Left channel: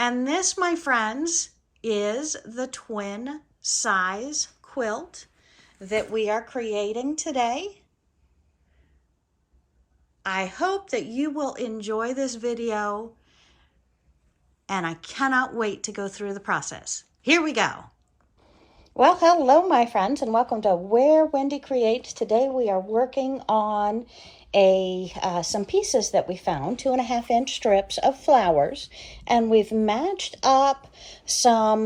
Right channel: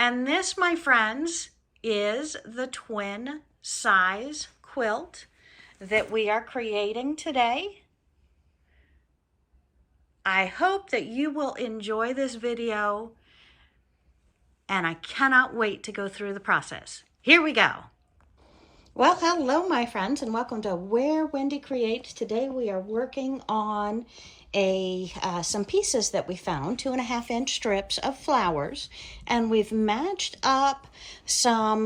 And this, my friends, is the twin size quilt that we are creating today. I hope that you will enjoy this video, and I cannot wait to go through the process. Here we go. Well, hello, my friends, and welcome to Where Wendy Creates. Today we are working on some pieces that we found, 2.5-inch strips of flowers, and we've matched up some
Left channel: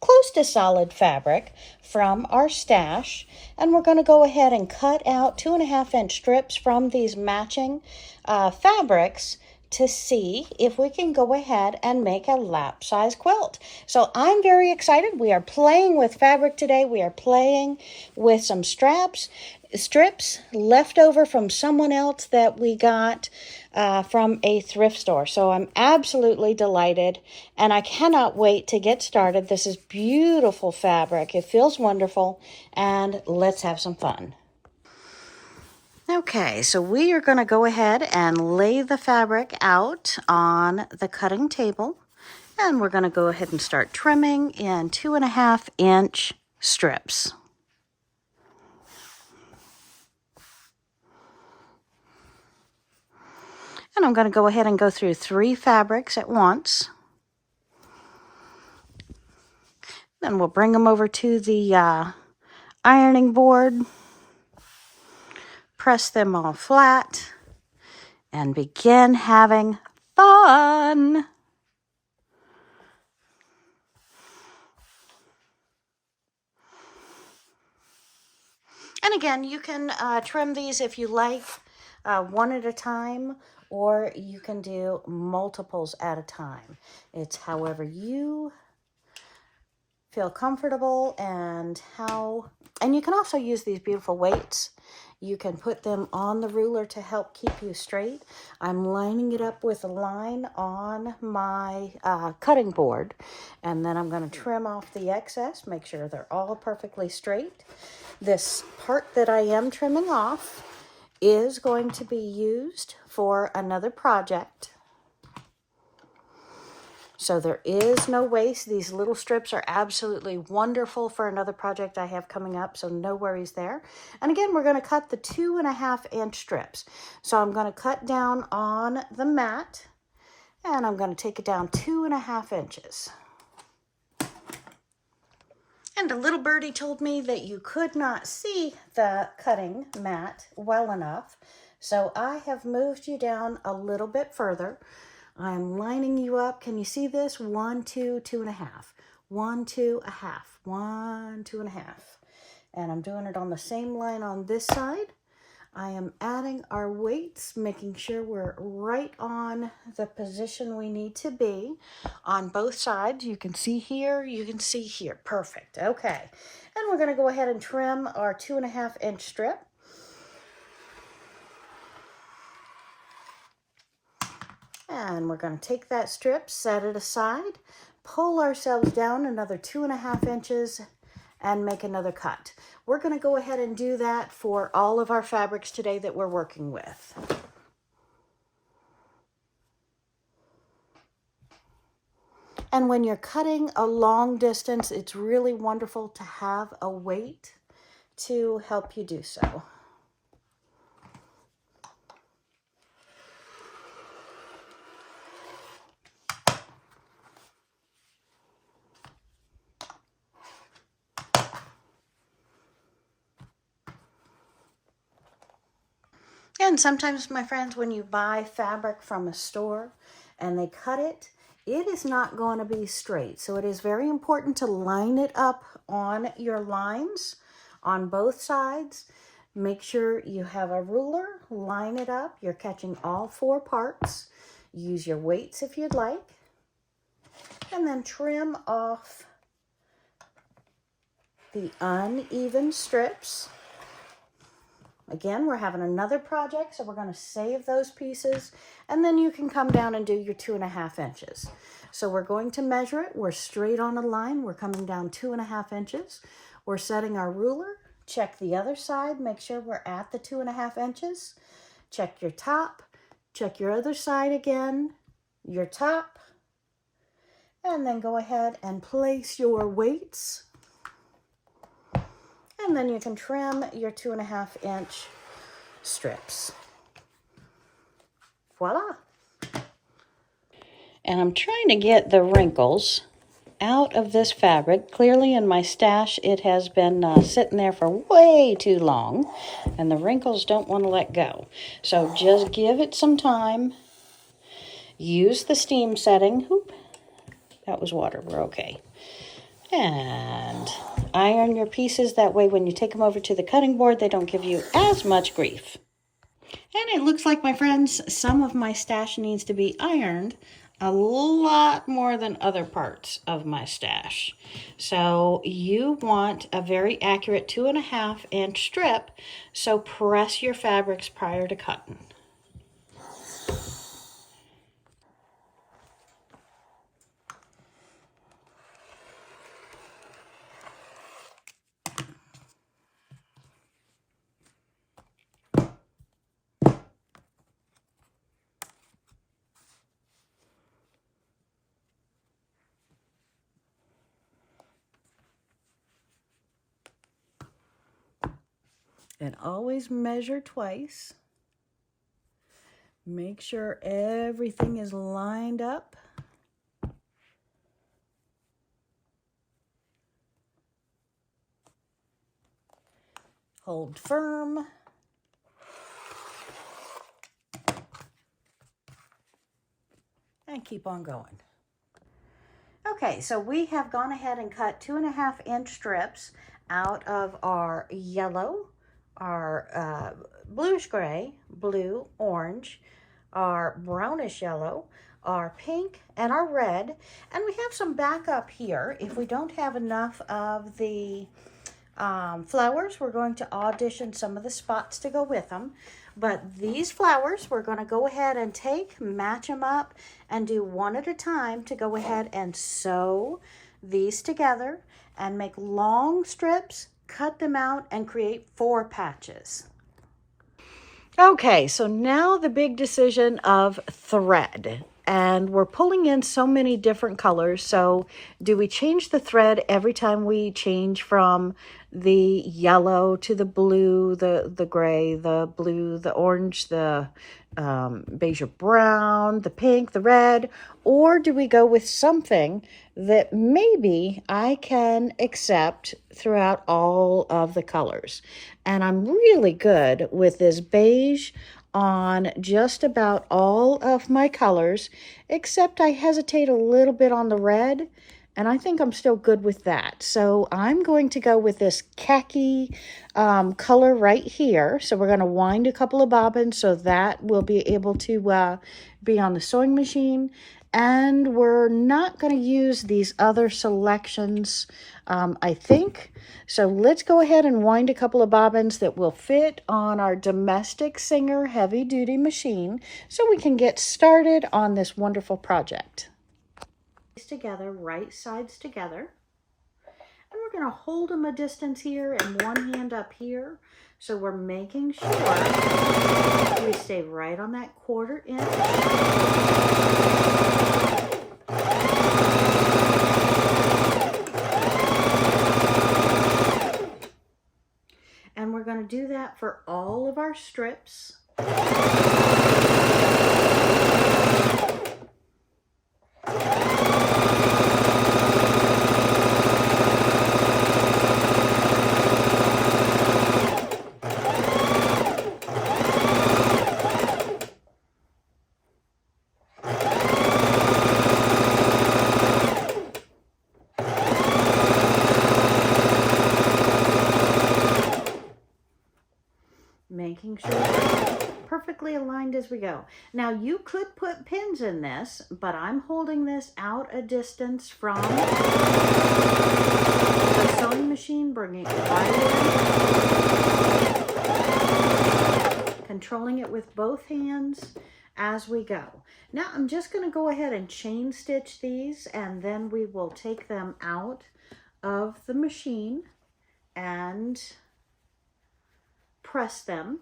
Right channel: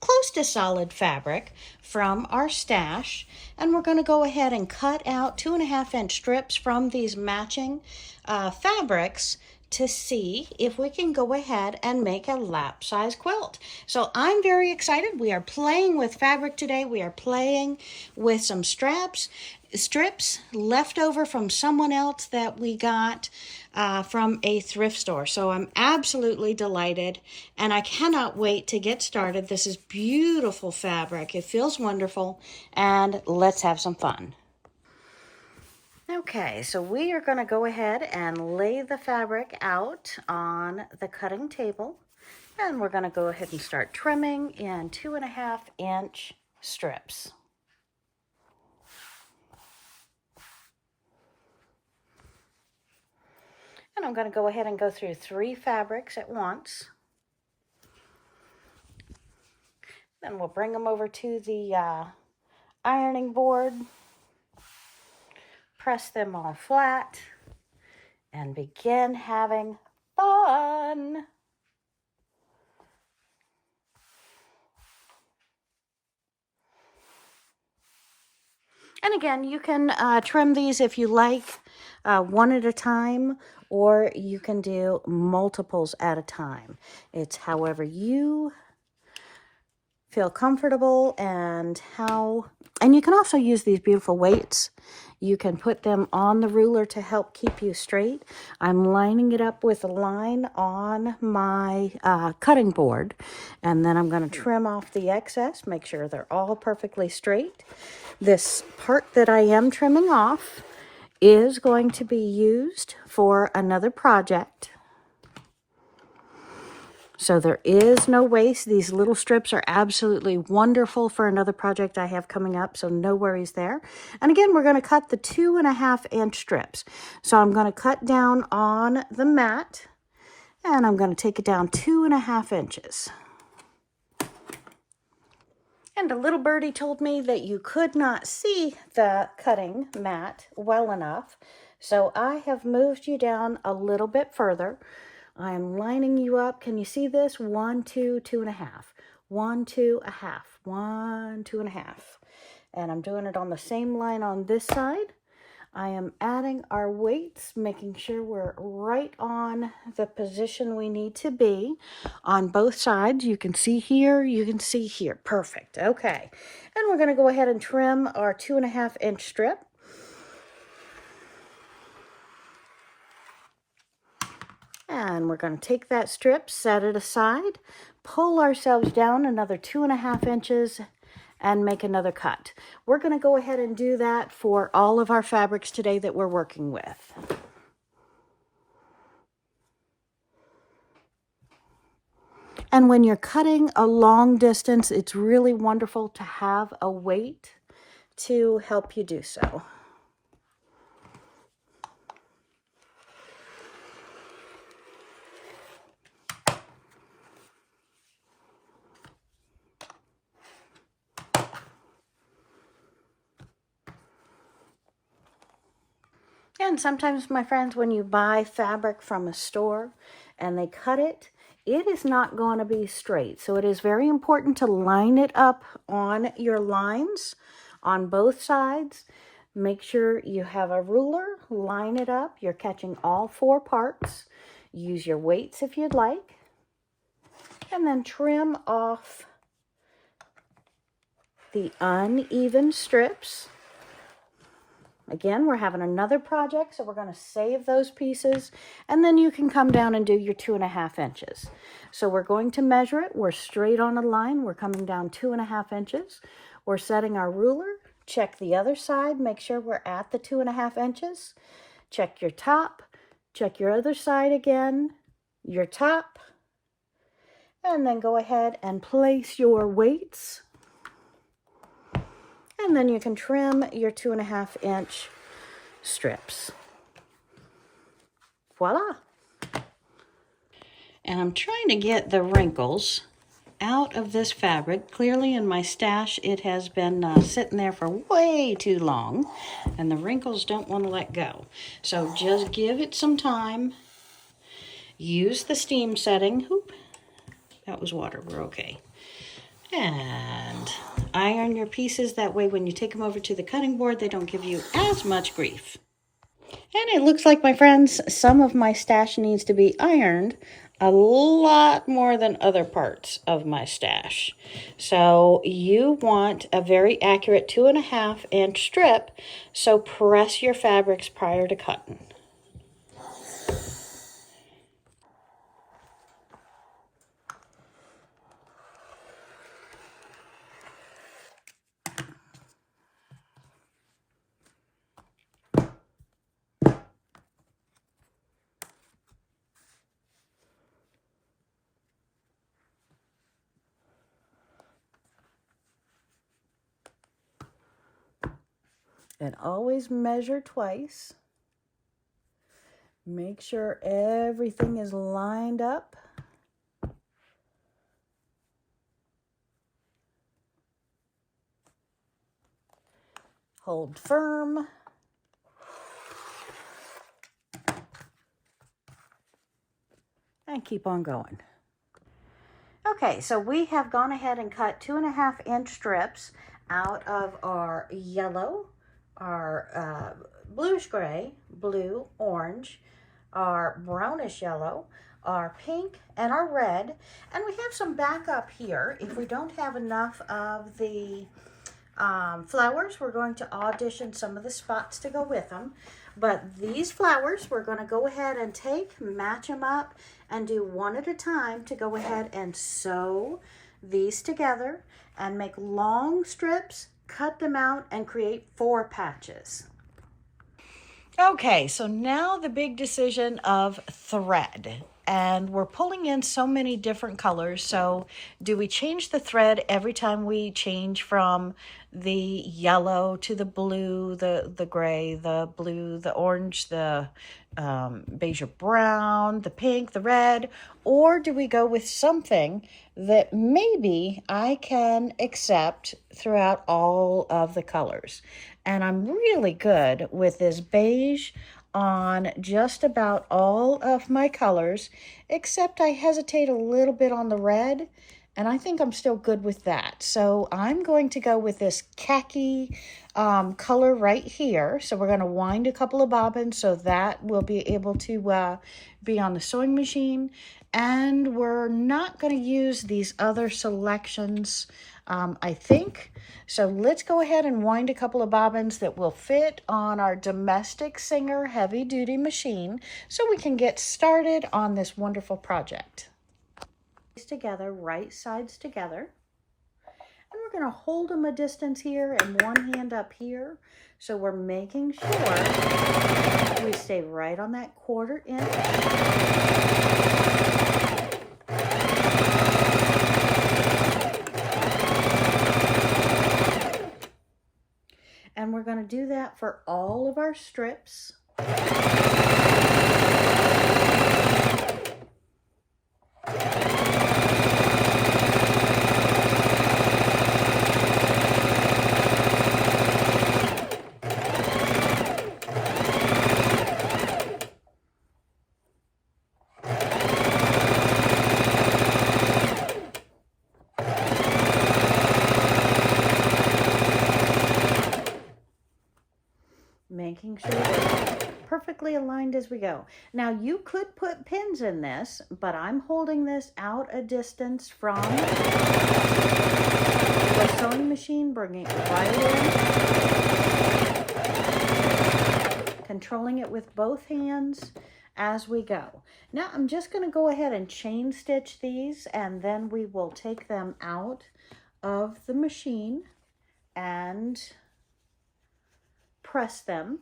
close to solid fabric from our stash, and we're going to go ahead and cut out 2.5-inch strips from these matching fabrics to see if we can go ahead and make a lap size quilt. So I'm very excited. We are playing with fabric today. We are playing with some strips left over from someone else that we got from a thrift store. So I'm absolutely delighted, and I cannot wait to get started. This is beautiful fabric. It feels wonderful, and let's have some fun. Okay, so we are going to go ahead and lay the fabric out on the cutting table, and we're going to go ahead and start trimming in 2.5-inch strips. And I'm going to go ahead and go through 3 fabrics at once. Then we'll bring them over to the ironing board, press them all flat, and begin having fun. And again, you can trim these if you like, one at a time, or you can do multiples at a time. It's however you feel comfortable and you can also use these beautiful weights. You can put them on the ruler to help keep you straight. I'm lining it up with a line on my cutting board, and then I'm going to trim off the excess, make sure they're all perfectly straight. This part that I am trimming off is going to be used for another project. So there is no waste. These little strips are absolutely wonderful for another project I have coming up, so no worries there. And again, we're going to cut the 2.5-inch strips. So I'm going to cut down on the mat, and I'm going to take it down 2.5 inches. And a little birdie told me that you could not see the cutting mat well enough, so I have moved you down a little bit further. I'm lining you up. Can you see this? 1, 2, 2.5. 1, 2, 1/2. 1, 2 1/2. And I'm doing it on the same line on this side. I am adding our weights, making sure we're right on the position we need to be on both sides. You can see here, you can see here. Perfect. Okay. And we're going to go ahead and trim our 2.5-inch strip. And we're going to take that strip, set it aside, pull ourselves down another 2.5 inches, and make another cut. We're going to go ahead and do that for all of our fabrics today that we're working with. And when you're cutting a long distance, it's really wonderful to have a weight to help you do so. And sometimes, my friends, when you buy fabric from a store and they cut it, it is not going to be straight. So it is very important to line it up on your lines on both sides. Make sure you have a ruler, line it up. You're catching all 4 parts. Use your weights if you'd like. And then trim off the uneven strips. Again, we're having another project, so we're going to save those pieces, and then you can come down and do your 2.5 inches. So we're going to measure it. We're straight on a line. We're coming down 2.5 inches. We're setting our ruler. Check the other side. Make sure we're at the 2.5 inches. Check your top. Check your other side again. Your top. And then go ahead and place your weights. And then you can trim your 2.5-inch strips. Voila. And I'm trying to get the wrinkles out of this fabric. Clearly in my stash it has been sitting there for way too long, and the wrinkles don't want to let go. So just give it some time. Use the steam setting. Oop, that was water. We're okay. And iron your pieces. That way when you take them over to the cutting board, they don't give you as much grief. And it looks like, my friends, some of my stash needs to be ironed a lot more than other parts of my stash. So you want a very accurate 2.5-inch strip, so press your fabrics prior to cutting. And always measure twice. Make sure everything is lined up. Hold firm. And keep on going. Okay, so we have gone ahead and cut 2.5-inch strips out of our yellow, our bluish gray, blue, orange, our brownish yellow, our pink, and our red. And we have some backup here. If we don't have enough of the flowers, we're going to audition some of the spots to go with them. But these flowers, we're going to go ahead and take, match them up, and do one at a time to go ahead and sew these together and make long strips, cut them out, and create 4 patches. Okay, so now the big decision of thread. And we're pulling in so many different colors. So do we change the thread every time we change from the yellow to the blue, the gray, the blue, the orange, the beige or brown, the pink, the red? Or do we go with something that maybe I can accept throughout all of the colors? And I'm really good with this beige on just about all of my colors, except I hesitate a little bit on the red, and I think I'm still good with that. So I'm going to go with this khaki color right here. So we're going to wind a couple of bobbins so that will be able to be on the sewing machine. And we're not going to use these other selections, I think. So let's go ahead and wind a couple of bobbins that will fit on our Domestic Singer heavy duty machine so we can get started on this wonderful project. Together, right sides together. And we're going to hold them a distance here and one hand up here. So we're making sure we stay right on that 1/4 inch. And we're going to do that for all of our strips. Making sure we're perfectly aligned as we go. Now you could put pins in this, but I'm holding this out a distance from the sewing machine, bringing it right in, controlling it with both hands as we go. Now I'm just going to go ahead and chain stitch these, and then we will take them out of the machine and press them.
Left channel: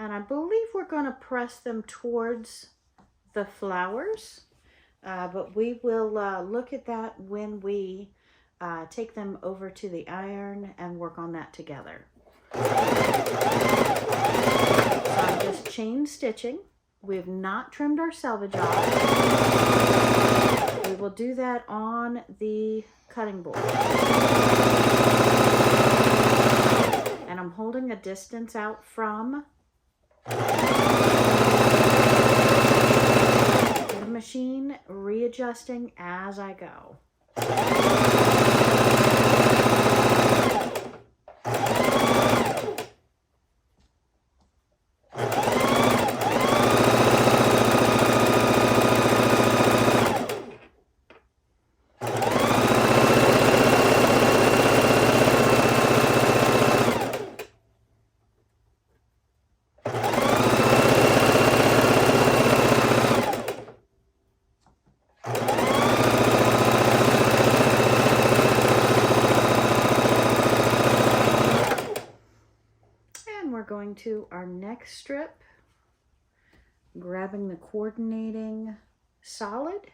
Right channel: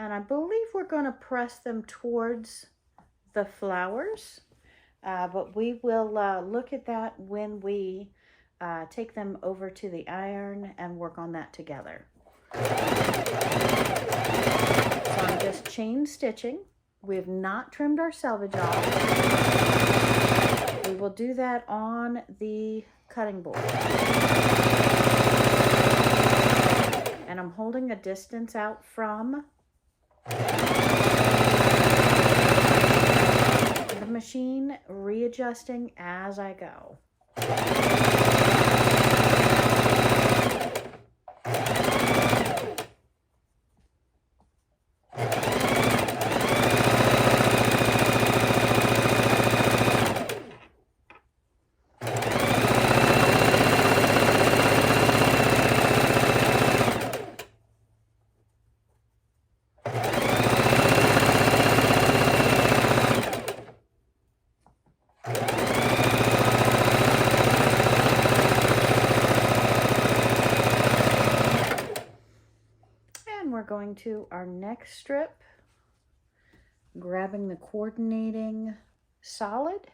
And I believe we're going to press them towards the flowers. But we will look at that when we take them over to the iron and work on that together. So I'm just chain stitching. We have not trimmed our selvage off. We will do that on the cutting board. And I'm holding a distance out from the machine, readjusting as I go. We're going to our next strip, grabbing the coordinating solid,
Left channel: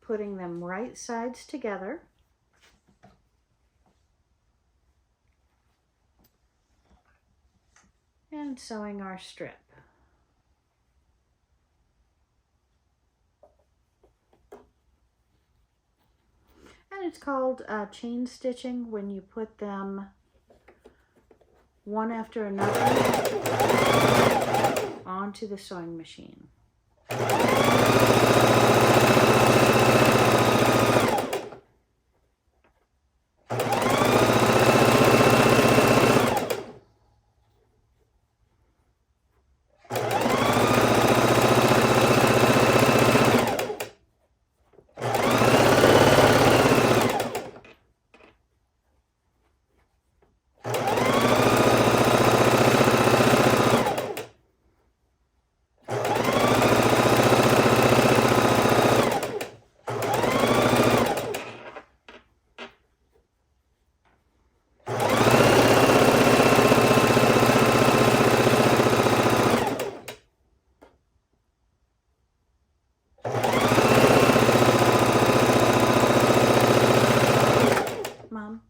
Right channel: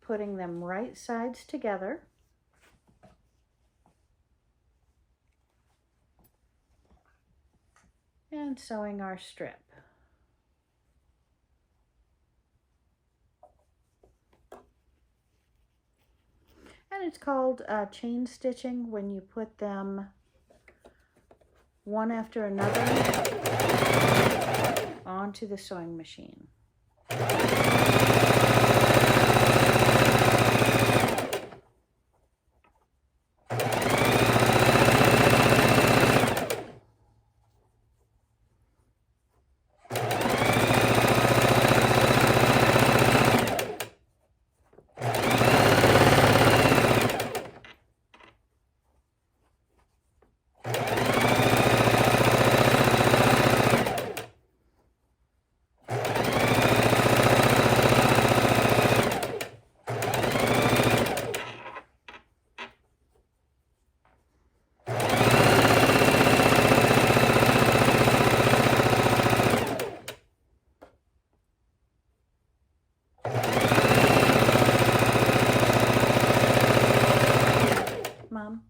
putting them right sides together, and sewing our strip. And it's called chain stitching when you put them one after another onto the sewing machine. Mom?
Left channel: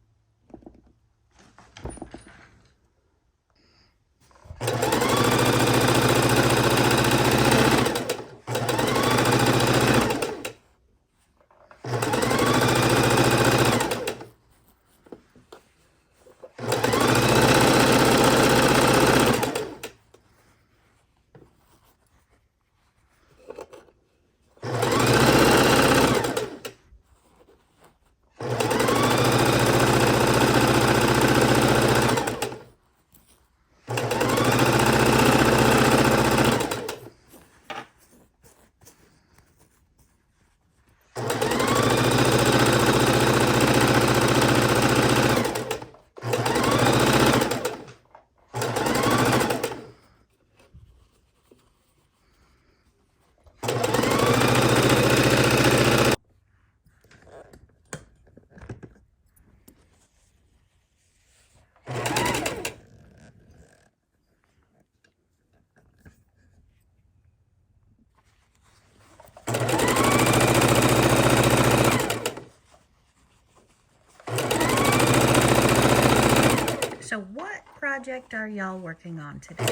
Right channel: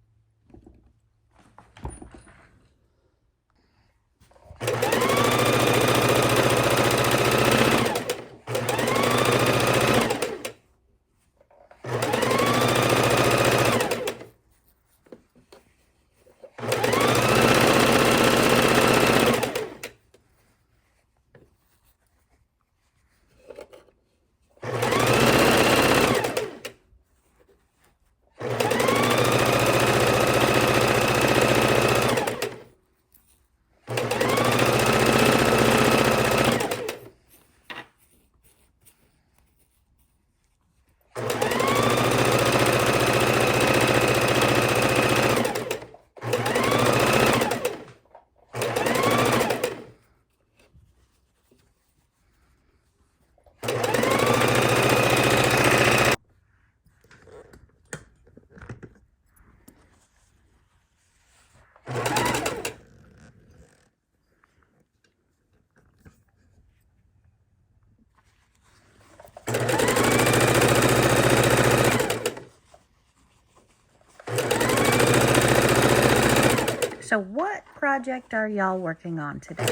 So what project are y'all working on today?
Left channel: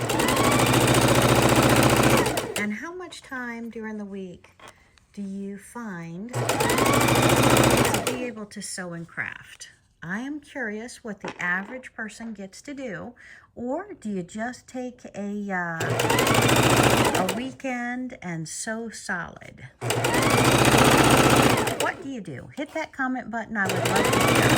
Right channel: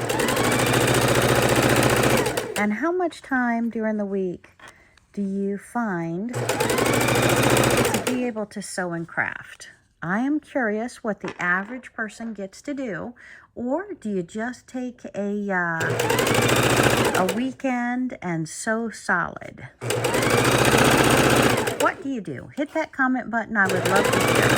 And how much time during the week do you find to be able to sew and craft? I am curious what the average person gets to do, or do you just take a weekend and sew solid? What do you do? Hit that comment button. I would love to hear.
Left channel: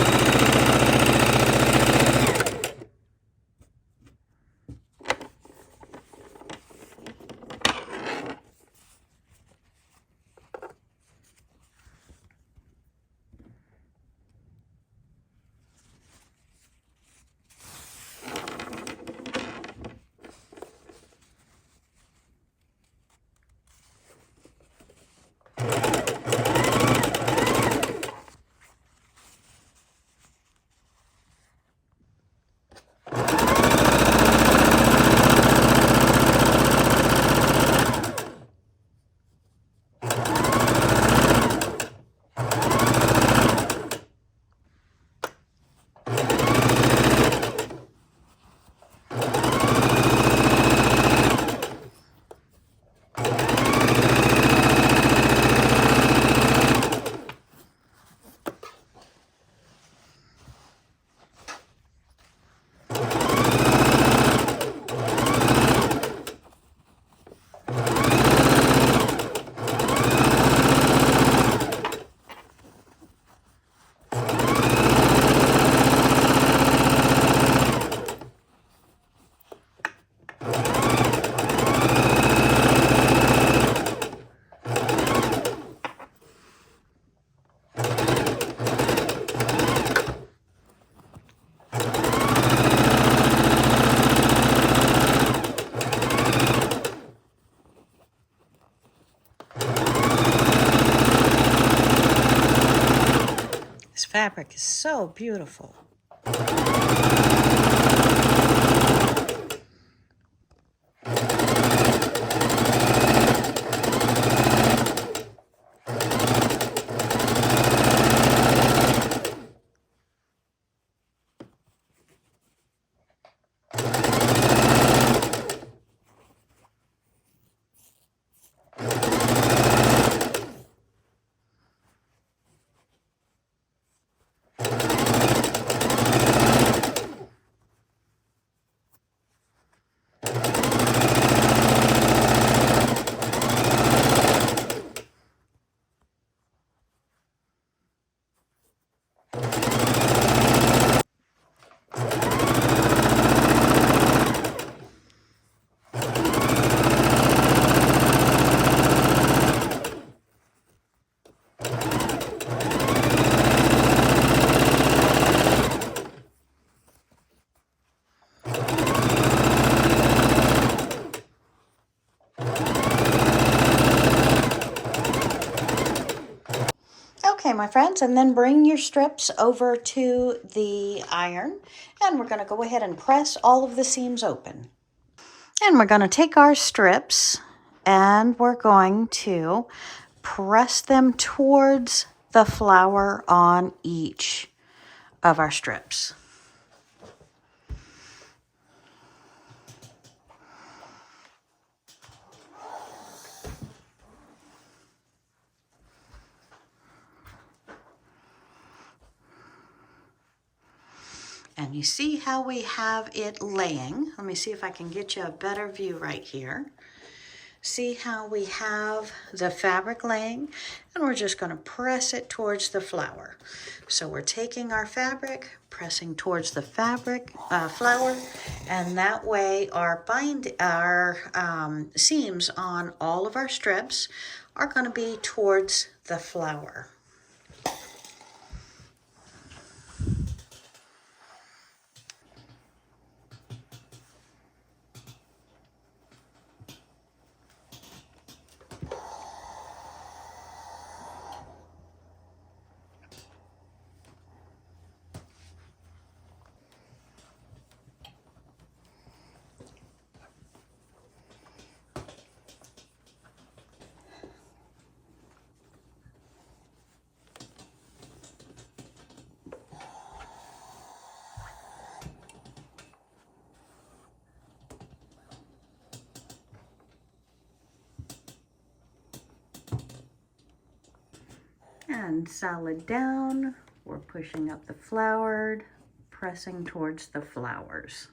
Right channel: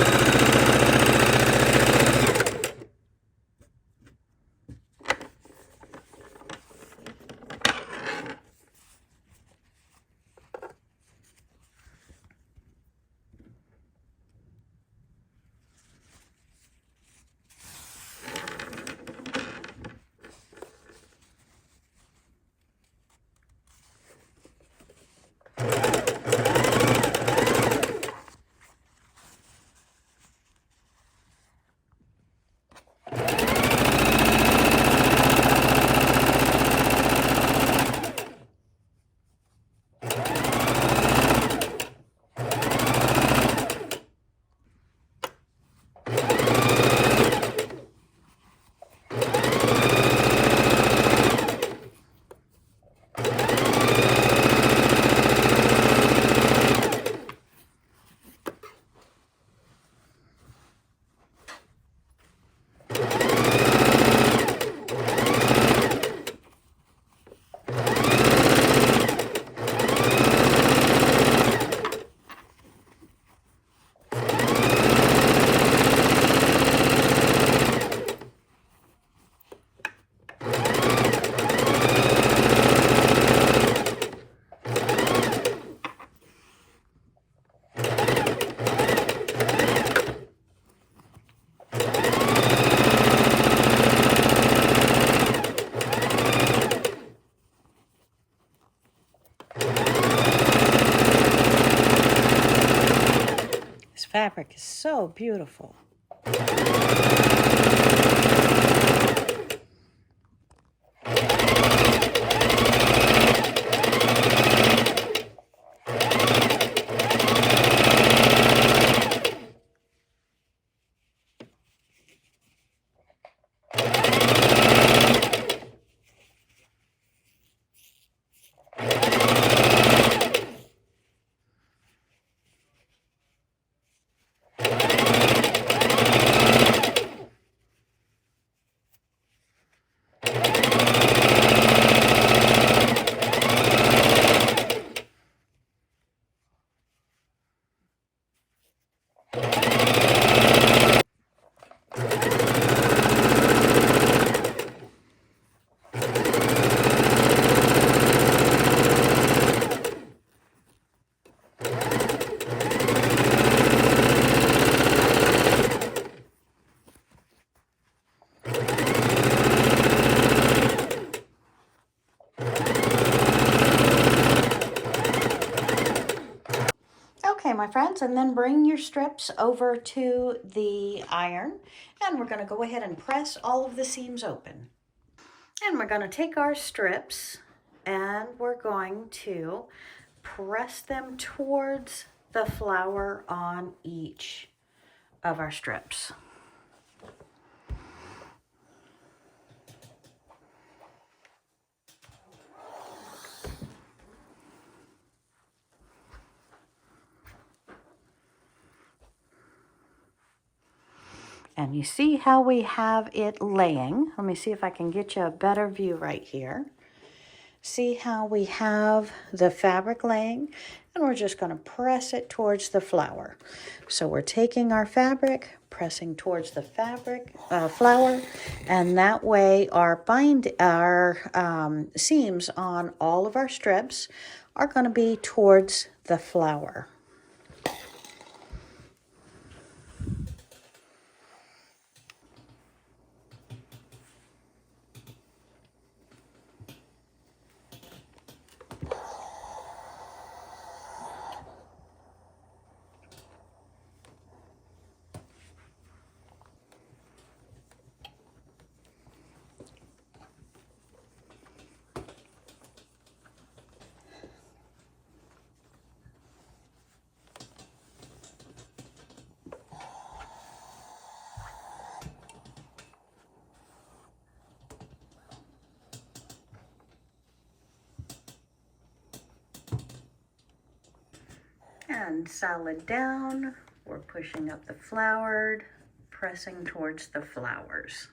fabric is so beautiful. Okay, my friends, and then bring your strips over to the iron, and we're going to go ahead and press all of the seams open. And we're going to take our strips and we're going to press them towards the flower on each of our strips. And you see how we have it laying. Let me see if I can get you a better view right here. See how we have the fabric laying, and we're just going to press it towards the flower. So we're taking our fabric, pressing towards the flower, and that way our seams on all of our strips are going to be towards the flower. And solid down, we're pushing up the flowered, pressing towards the flowers.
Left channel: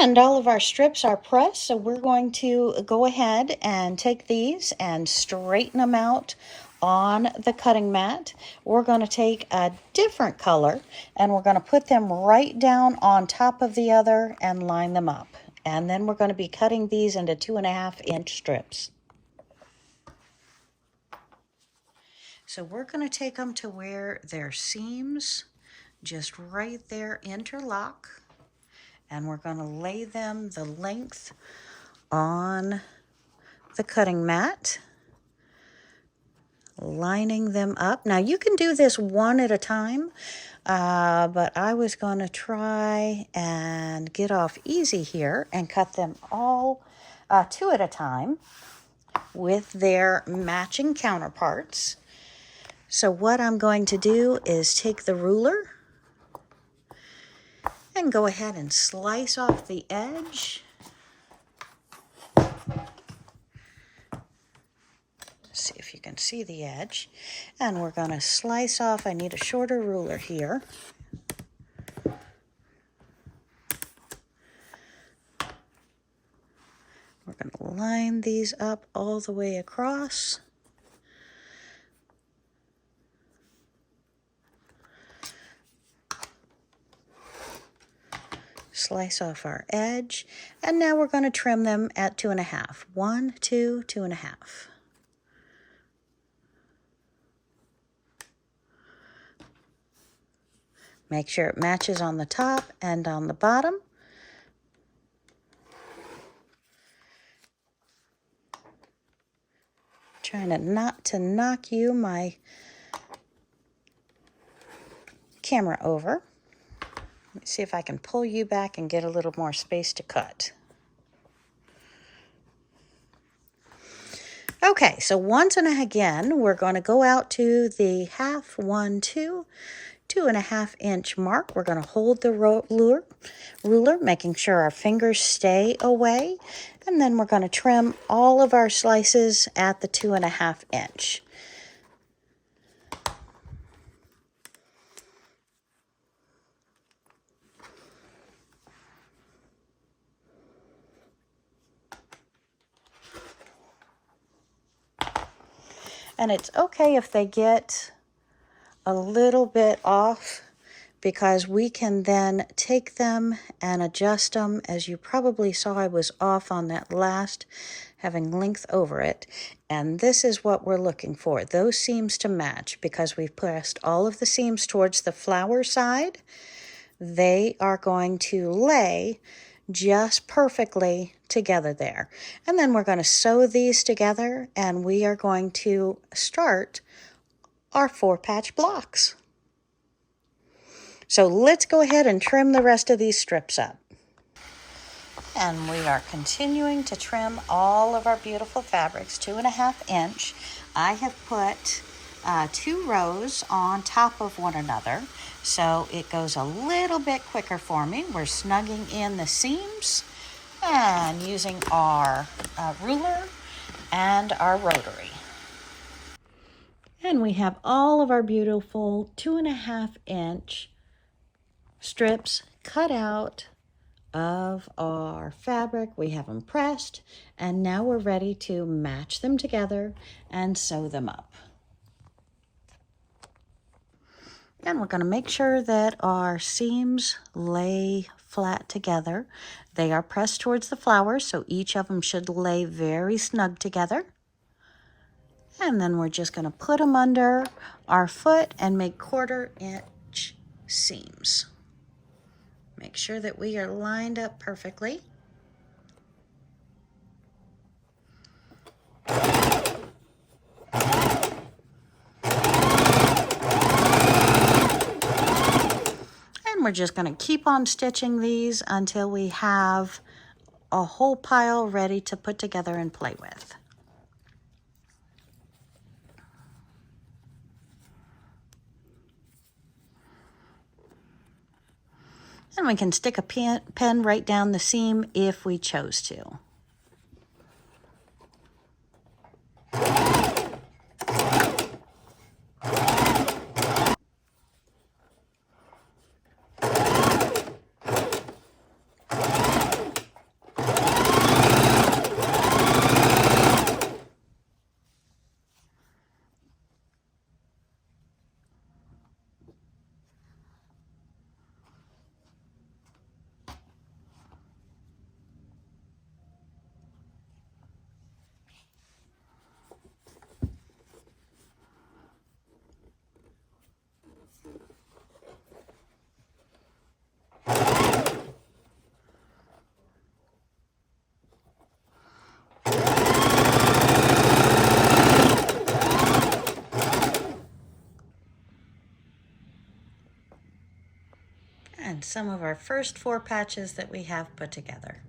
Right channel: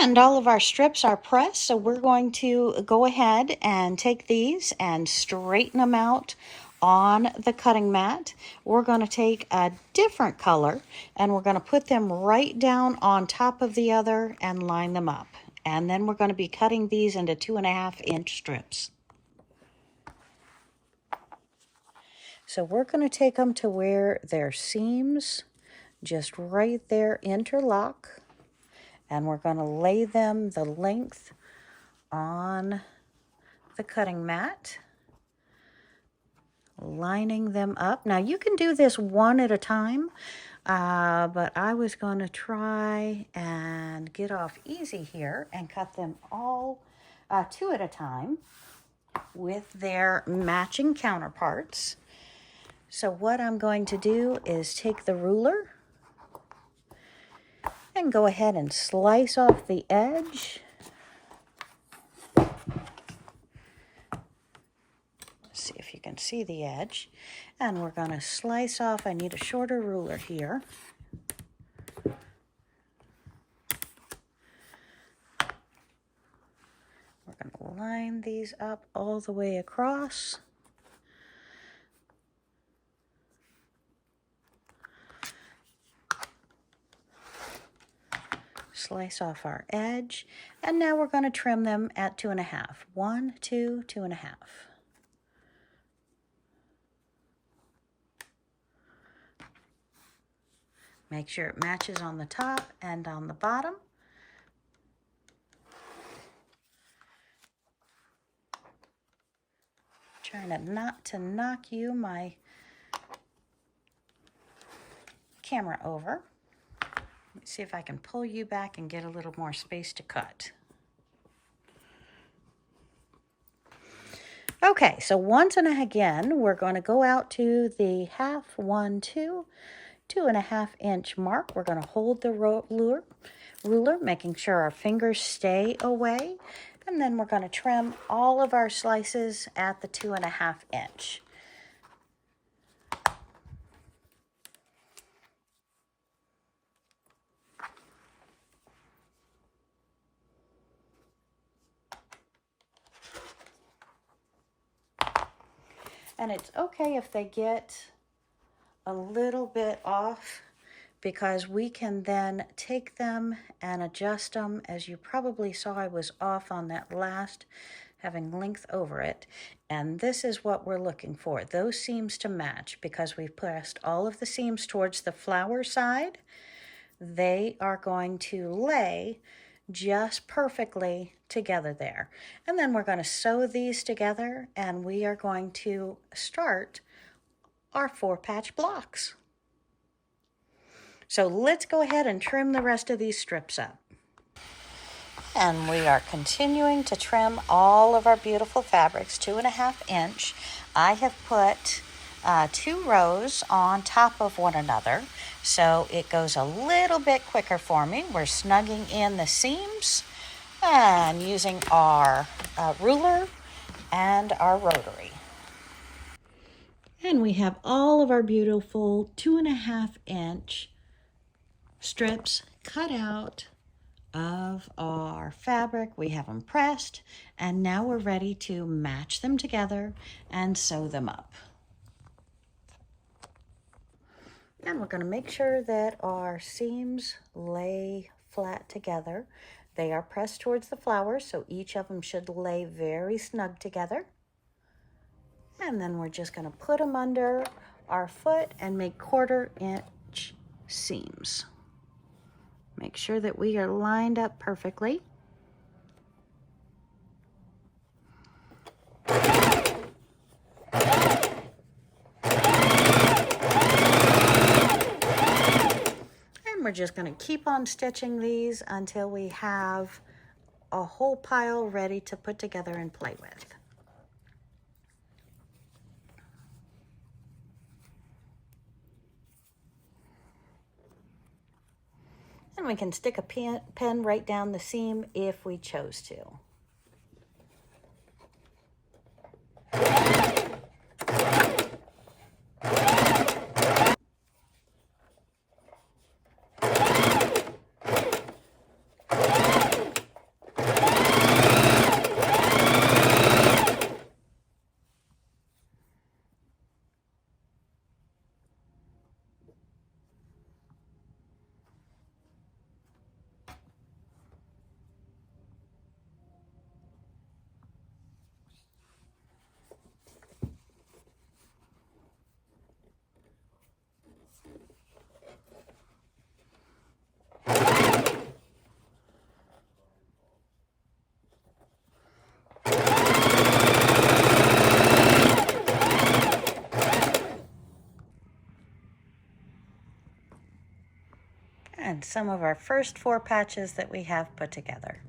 And all of our strips are pressed, so we're going to go ahead and take these and straighten them out on the cutting mat. We're going to take a different color and we're going to put them right down on top of the other and line them up. And then we're going to be cutting these into 2.5-inch strips. So we're going to take them to where their seams just right there interlock. And we're going to lay them the length on the cutting mat, lining them up. Now you can do this one at a time, but I was going to try and get off easy here and cut them all 2 at a time with their matching counterparts. So what I'm going to do is take the ruler and go ahead and slice off the edge. See if you can see the edge. And we're going to slice off. I need a shorter ruler here. We're going to line these up all the way across. slice off our edge, and now we're going to trim them at 2.5. 1, 2, 2.5. Make sure it matches on the top and on the bottom. Trying not to knock my camera over. Let me see if I can pull you back and get a little more space to cut. Okay, so once and again, we're going to go out to the 1/2, 1, 2, 2.5 inch mark. We're going to hold the ruler, making sure our fingers stay away. And then we're going to trim all of our slices at the 2.5 inch. And it's okay if they get a little bit off, because we can then take them and adjust them. As you probably saw, I was off on that last, having length over it. And this is what we're looking for, those seams to match, because we've pressed all of the seams towards the flower side. They are going to lay just perfectly together there. And then we're going to sew these together, and we are going to start our 4-patch blocks. So let's go ahead and trim the rest of these strips up. And we are continuing to trim all of our beautiful fabrics, 2.5 inch. I have put 2 rows on top of one another, so it goes a little bit quicker for me. We're snugging in the seams and using our ruler and our rotary. And we have all of our beautiful 2.5 inch strips cut out of our fabric. We have them pressed, and now we're ready to match them together and sew them up. And we're going to make sure that our seams lay flat together. They are pressed towards the flowers, so each of them should lay very snug together. And then we're just going to put them under our foot and make 1/4 inch seams. Make sure that we are lined up perfectly. And we're just going to keep on stitching these until we have a whole pile ready to put together and play with. And we can stick a pen right down the seam if we chose to. And some of our first 4 patches that we have put together.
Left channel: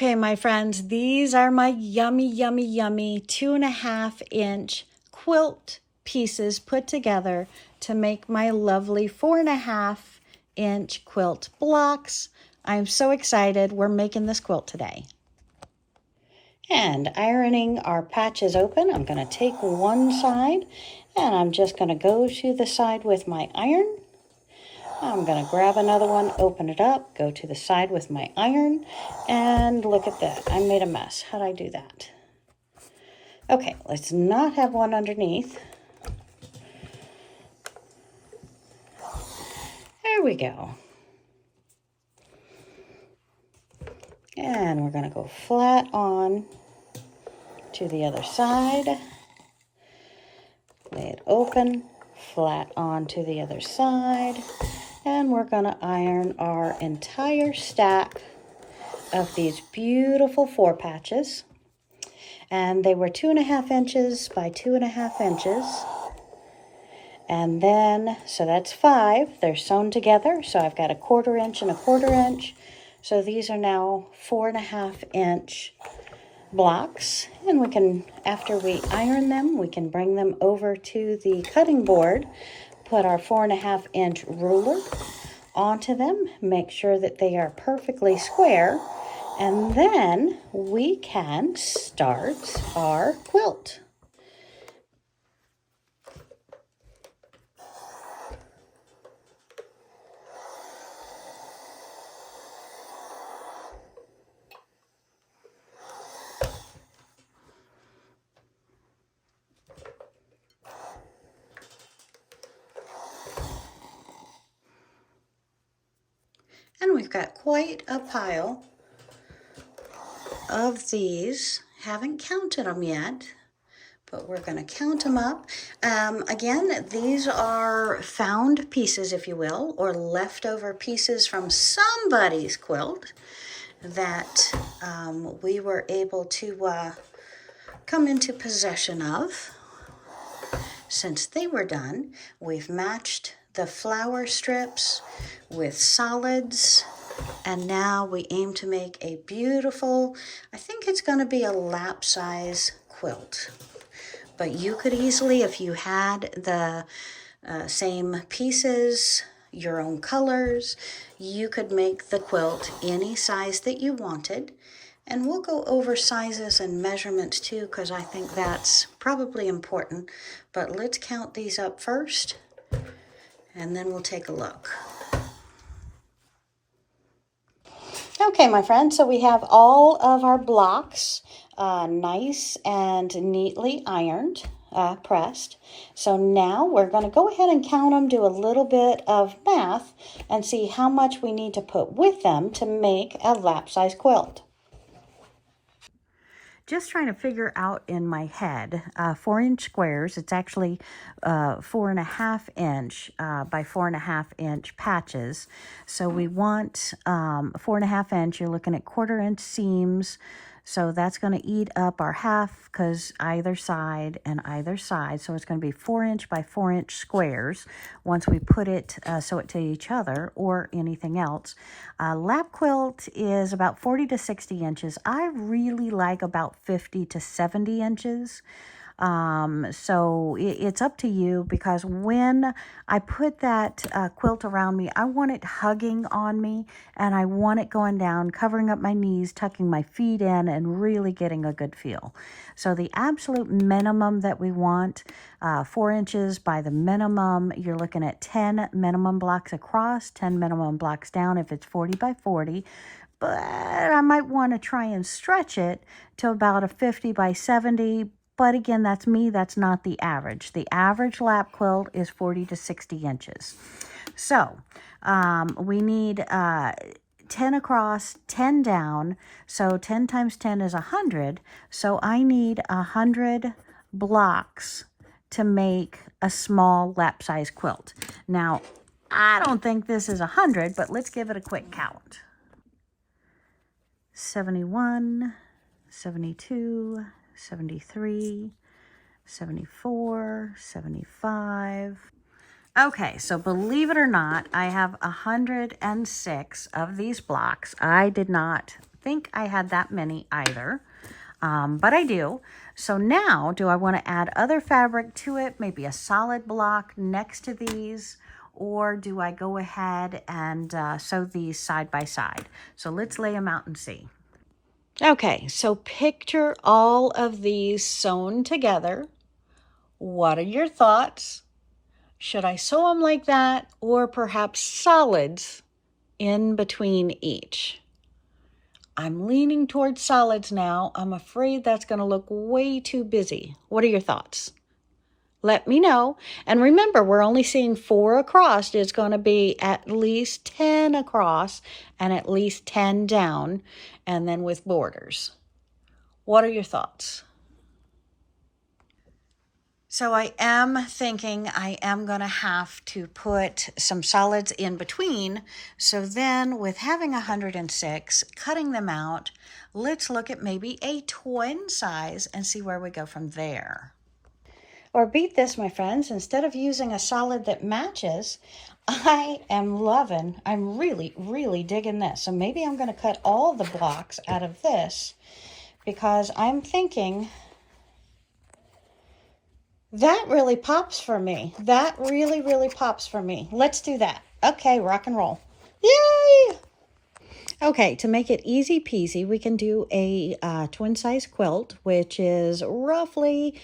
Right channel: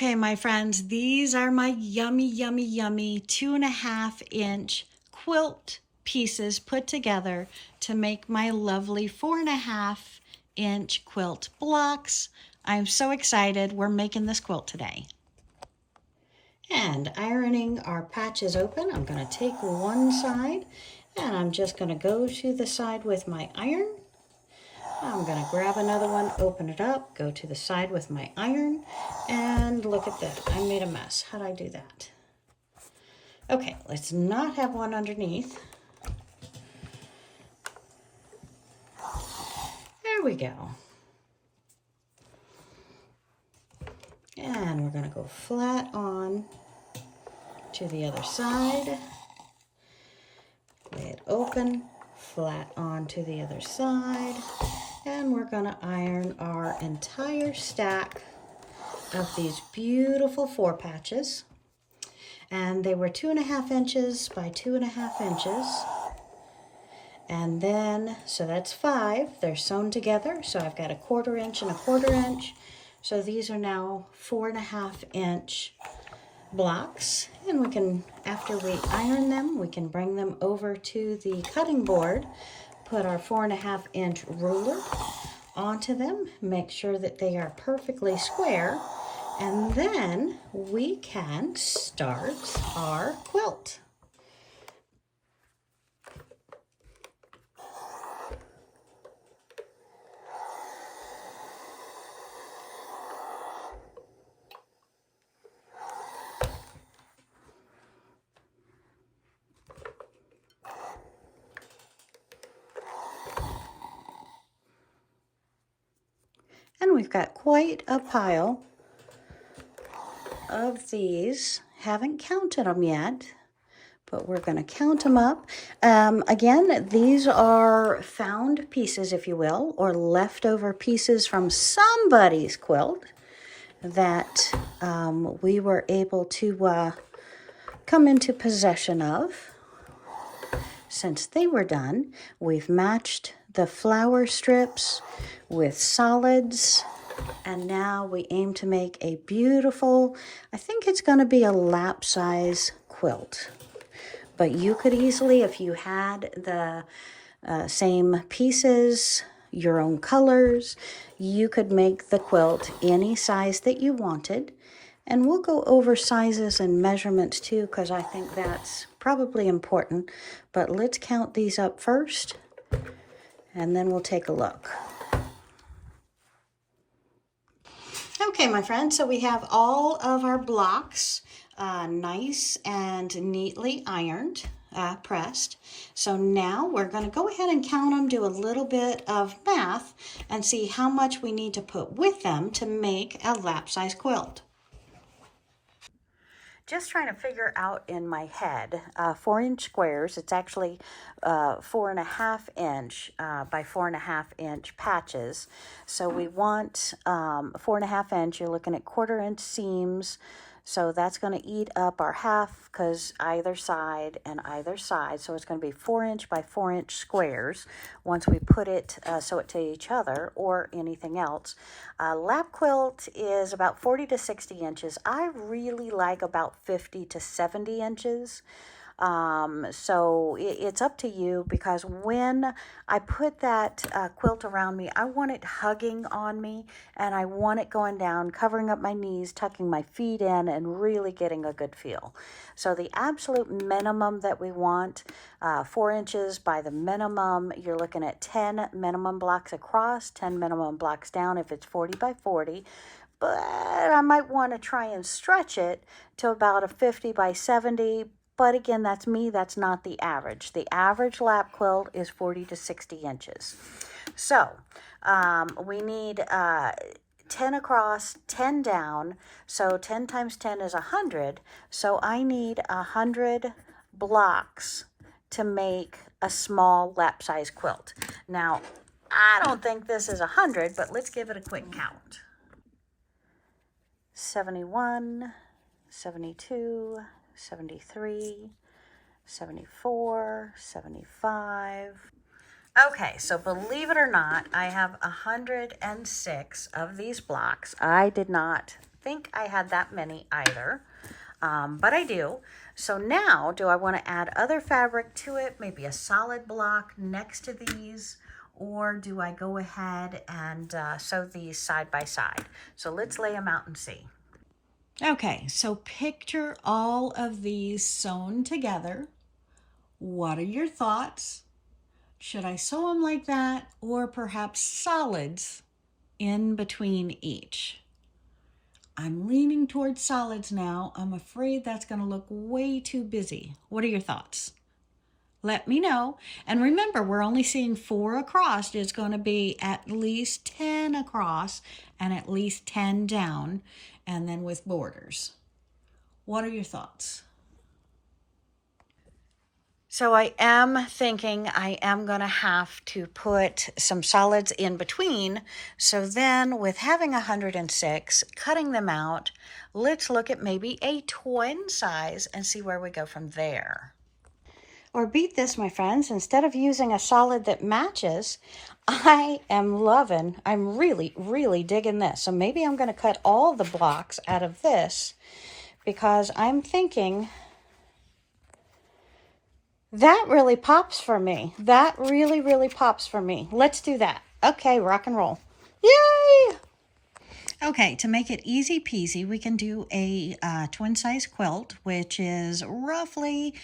Okay, my friends, these are my yummy, yummy, yummy 2.5-inch quilt pieces put together to make my lovely 4.5-inch quilt blocks. I'm so excited. We're making this quilt today. And ironing our patches open, I'm going to take one side and I'm just going to go to the side with my iron. I'm going to grab another one, open it up, go to the side with my iron, and look at that. I made a mess. How'd I do that? Okay, let's not have one underneath. There we go. And we're going to go flat on to the other side. Lay it open, flat on to the other side. And we're going to iron our entire stack of these beautiful 4 patches. And they were 2.5 inches by 2.5 inches. And then, so that's 5. They're sewn together. So I've got a 1/4 inch and a 1/4 inch. So these are now 4.5-inch blocks. And we can, after we iron them, we can bring them over to the cutting board, put our 4.5-inch ruler onto them, make sure that they are perfectly square, and then we can start our quilt. And we've got quite a pile of these. Haven't counted them yet, but we're going to count them up. Again, these are found pieces, if you will, or leftover pieces from somebody's quilt that we were able to come into possession of. Since they were done, we've matched the flower strips with solids, and now we aim to make a beautiful, I think it's going to be a lap size quilt. But you could easily, if you had the same pieces, your own colors, you could make the quilt any size that you wanted. And we'll go over sizes and measurements too, because I think that's probably important. But let's count these up first, and then we'll take a look. Okay, my friends, so we have all of our blocks nice and neatly ironed, pressed. So now we're going to go ahead and count them, do a little bit of math, and see how much we need to put with them to make a lap-size quilt. Just trying to figure out in my head, 4-inch squares. It's actually 4.5-inch by 4.5-inch patches. So we want 4.5-inch. You're looking at 1/4-inch seams. So that's going to eat up our half, because either side and either side. So it's going to be 4-inch by 4-inch squares once we put it, sew it to each other or anything else. Lap quilt is about 40 to 60 inches. I really like about 50 to 70 inches. So it's up to you, because when I put that quilt around me, I want it hugging on me, and I want it going down, covering up my knees, tucking my feet in, and really getting a good feel. So the absolute minimum that we want, 4 inches by the minimum, you're looking at 10 minimum blocks across, 10 minimum blocks down if it's 40 by 40. But I might want to try and stretch it to about a 50 by 70. But again, that's me. That's not the average. The average lap quilt is 40 to 60 inches. So we need 10 across, 10 down. So 10 times 10 is 100. So I need 100 blocks to make a small lap size quilt. Now, I don't think this is 100, but let's give it a quick count. 71, 72, 73, 74, 75. Okay, so believe it or not, I have 106 of these blocks. I did not think I had that many either, but I do. So now, do I want to add other fabric to it? Maybe a solid block next to these, or do I go ahead and sew these side by side? So let's lay them out and see. Okay, so picture all of these sewn together. What are your thoughts? Should I sew them like that, or perhaps solids in between each? I'm leaning towards solids now. I'm afraid that's going to look way too busy. What are your thoughts? Let me know. And remember, we're only seeing 4 across. It's going to be at least 10 across and at least 10 down, and then with borders. What are your thoughts? So I am thinking I am going to have to put some solids in between. So then with having 106, cutting them out, let's look at maybe a twin size and see where we go from there. Or beat this, my friends, instead of using a solid that matches, I'm really, really digging this. So maybe I'm going to cut all the blocks out of this because I'm thinking that really pops for me. That really, really pops for me. Let's do that. Okay, rock and roll. Yay! Okay, to make it easy peasy, we can do a twin size quilt, which is roughly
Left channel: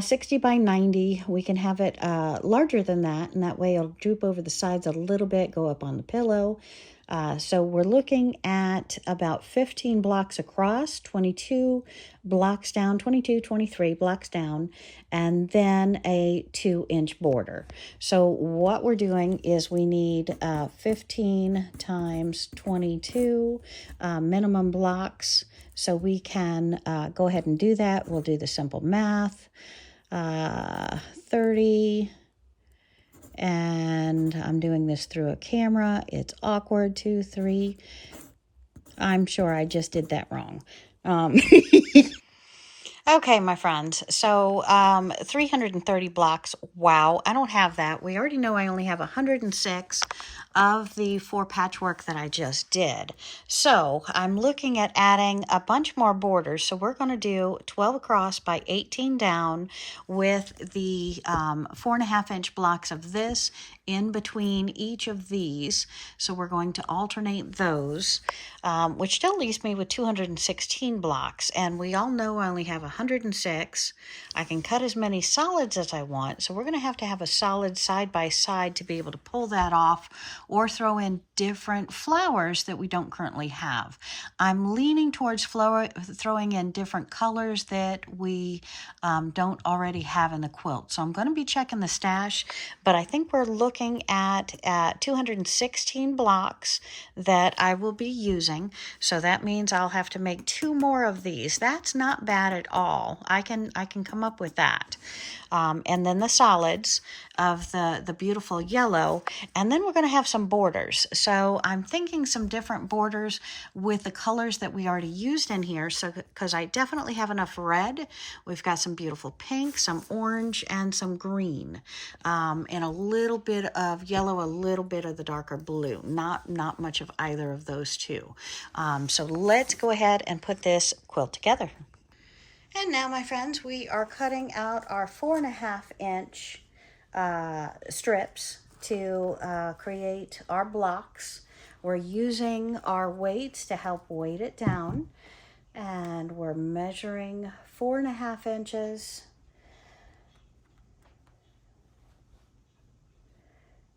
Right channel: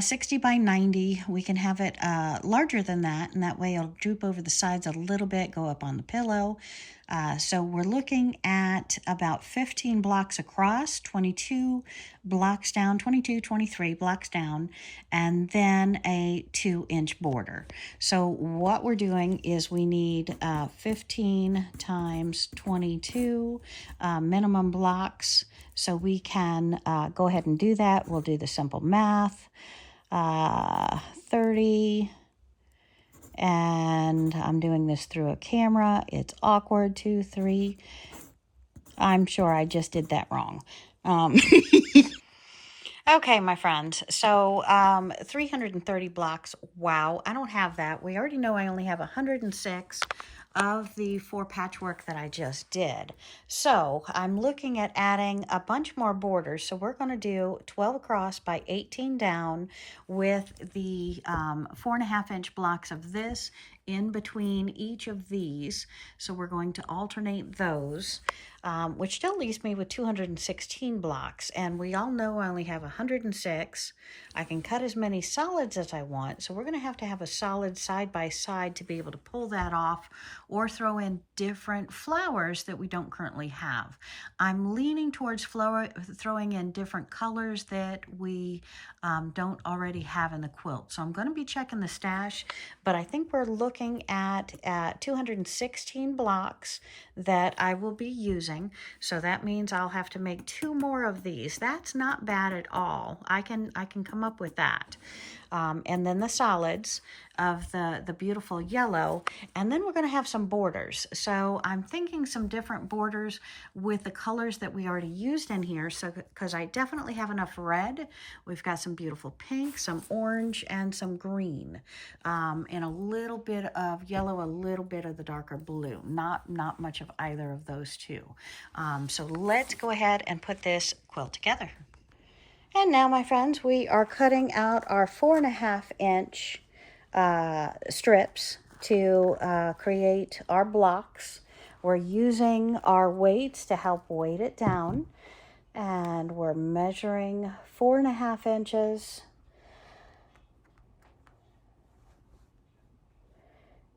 60 by 90. We can have it larger than that, and that way it'll droop over the sides a little bit, go up on the pillow. So we're looking at about 15 blocks across, 22 blocks down, 22, 23 blocks down, and then a 2-inch border. So what we're doing is we need 15 times 22 minimum blocks. So we can go ahead and do that. We'll do the simple math. 30, and I'm doing this through a camera. It's awkward. 2, 3. I'm sure I just did that wrong. Okay, my friends, so 330 blocks. Wow, I don't have that. We already know I only have 106 of the 4 patchwork that I just did. So I'm looking at adding a bunch more borders. So we're going to do 12 across by 18 down with the 4.5-inch blocks of this in between each of these. So we're going to alternate those, which still leaves me with 216 blocks. And we all know I only have 106. I can cut as many solids as I want. So we're going to have a solid side by side to be able to pull that off or throw in different flowers that we don't currently have. I'm leaning towards throwing in different colors that we don't already have in the quilt. So I'm going to be checking the stash, but I think we're looking at 216 blocks that I will be using. So that means I'll have to make 2 more of these. That's not bad at all. I can come up with that. And then the solids of the beautiful yellow. And then we're going to have some borders. So I'm thinking some different borders with the colors that we already used in here. So because I definitely have enough red. We've got some beautiful pink, some orange, and some green. And a little bit of yellow, a little bit of the darker blue. Not much of either of those two. So let's go ahead and put this quilt together. And now, my friends, we are cutting out our 4.5-inch strips to create our blocks. We're using our weights to help weight it down. And we're measuring 4.5 inches.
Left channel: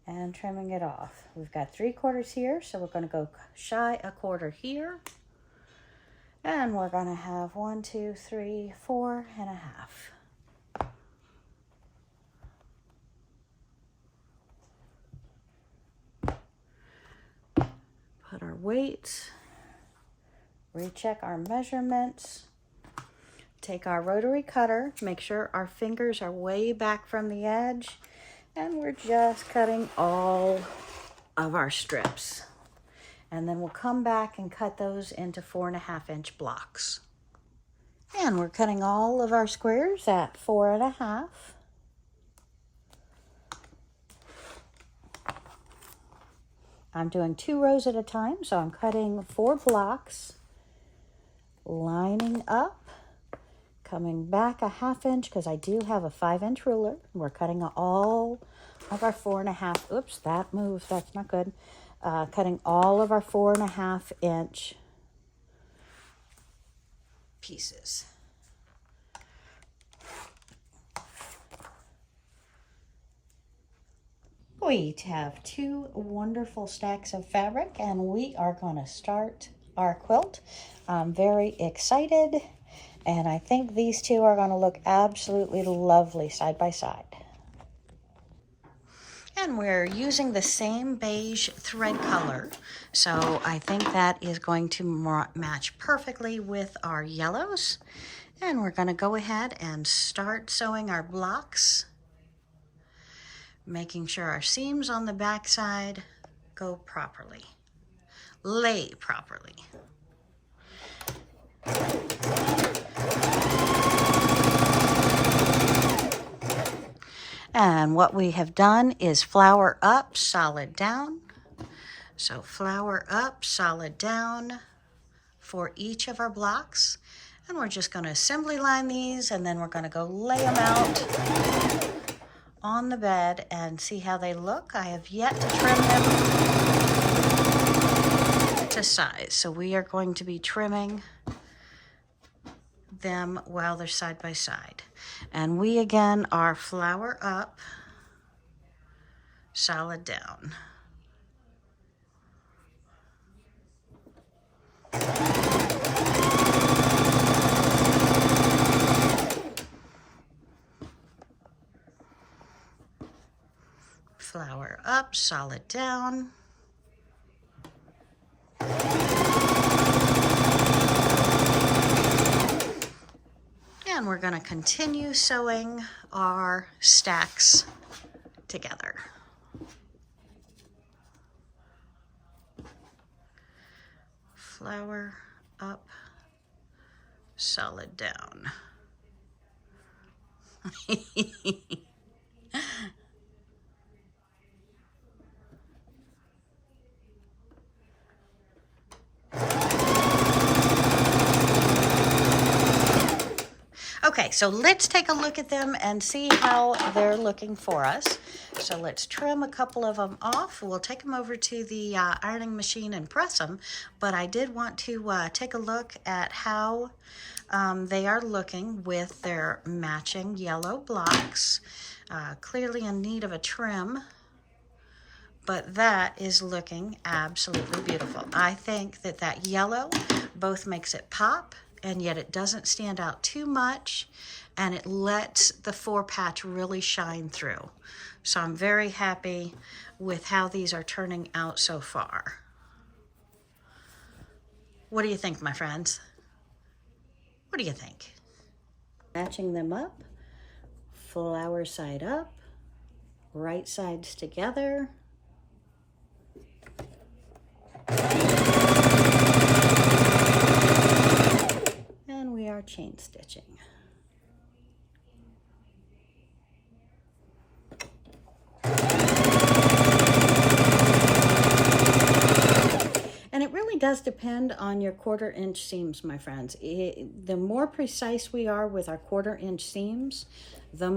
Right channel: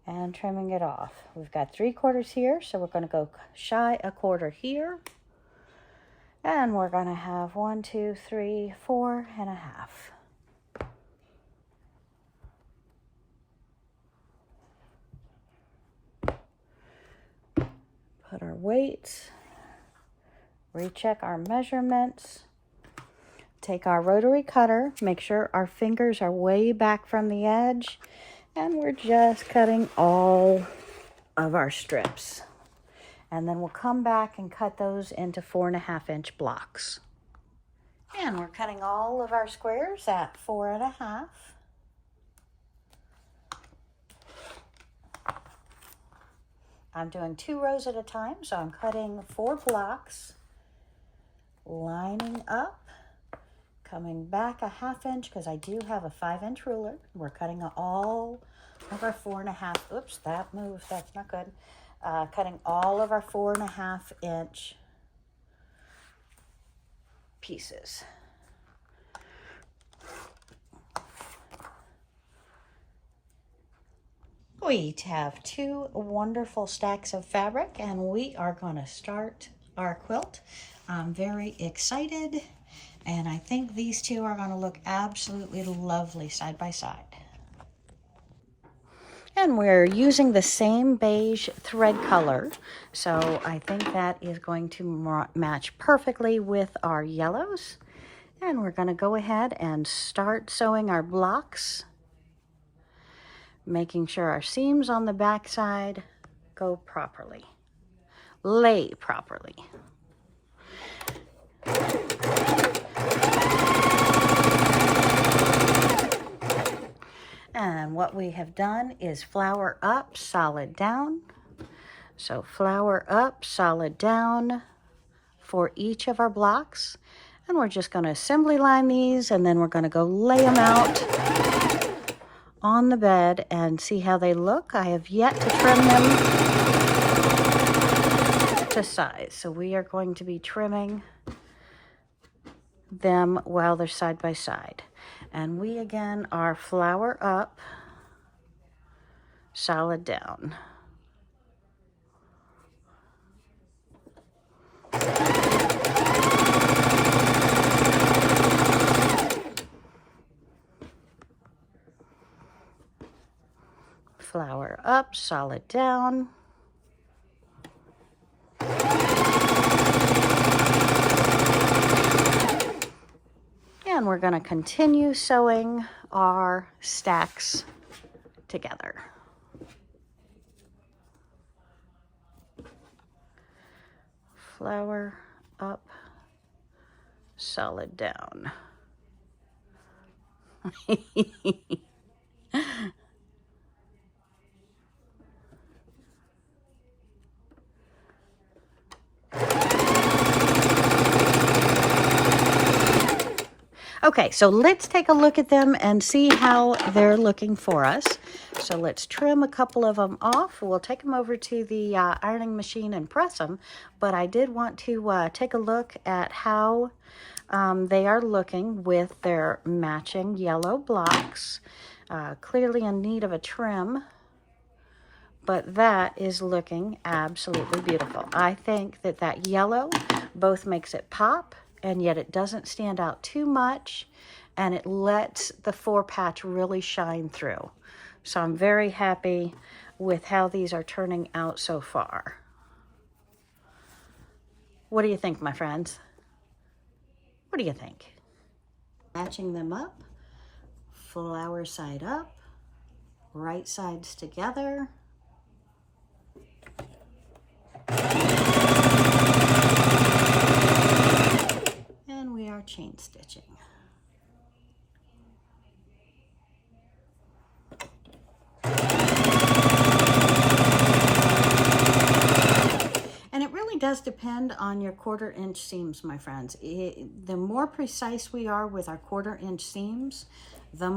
And trimming it off. We've got 3/4 here, so we're going to go shy a quarter here. And we're going to have 1, 2, 3, 4.5. Put our weights, recheck our measurements, take our rotary cutter, make sure our fingers are way back from the edge, and we're just cutting all of our strips. And then we'll come back and cut those into 4.5-inch blocks. And we're cutting all of our squares at 4.5. I'm doing 2 rows at a time, so I'm cutting 4 blocks lining up, coming back a 1/2 inch because I do have a 5-inch ruler. We're cutting all of our 4.5. Oops, that moved. That's not good. Cutting all of our 4.5 inch pieces. We have 2 wonderful stacks of fabric, and we are going to start our quilt. I'm very excited, and I think these 2 are going to look absolutely lovely side by side. And we're using the same beige thread color, so I think that is going to match perfectly with our yellows. And we're going to go ahead and start sewing our blocks, making sure our seams on the back side go properly, lay properly. And what we have done is flower up, solid down. So flower up, solid down for each of our blocks. And we're just going to assembly line these, and then we're going to go lay them out on the bed and see how they look. I have yet to trim them to size. So we are going to be trimming them while they're side by side. And we again are flower up, solid down. Flower up, solid down. And we're going to continue sewing our stacks together. Flower up, solid down. Okay, so let's take a look at them and see how they're looking for us. So let's trim a couple of them off. We'll take them over to the ironing machine and press them, but I did want to take a look at how they are looking with their matching yellow blocks. Clearly in need of a trim, but that is looking absolutely beautiful. I think that that yellow both makes it pop, and yet it doesn't stand out too much, and it lets the 4-patch really shine through. So I'm very happy with how these are turning out so far. What do you think, my friends? What do you think? Matching them up, flower side up, right sides together. And we are chain stitching. And it really does depend on your 1/4 inch seams, my friends. The more precise we are with our 1/4 inch seams, the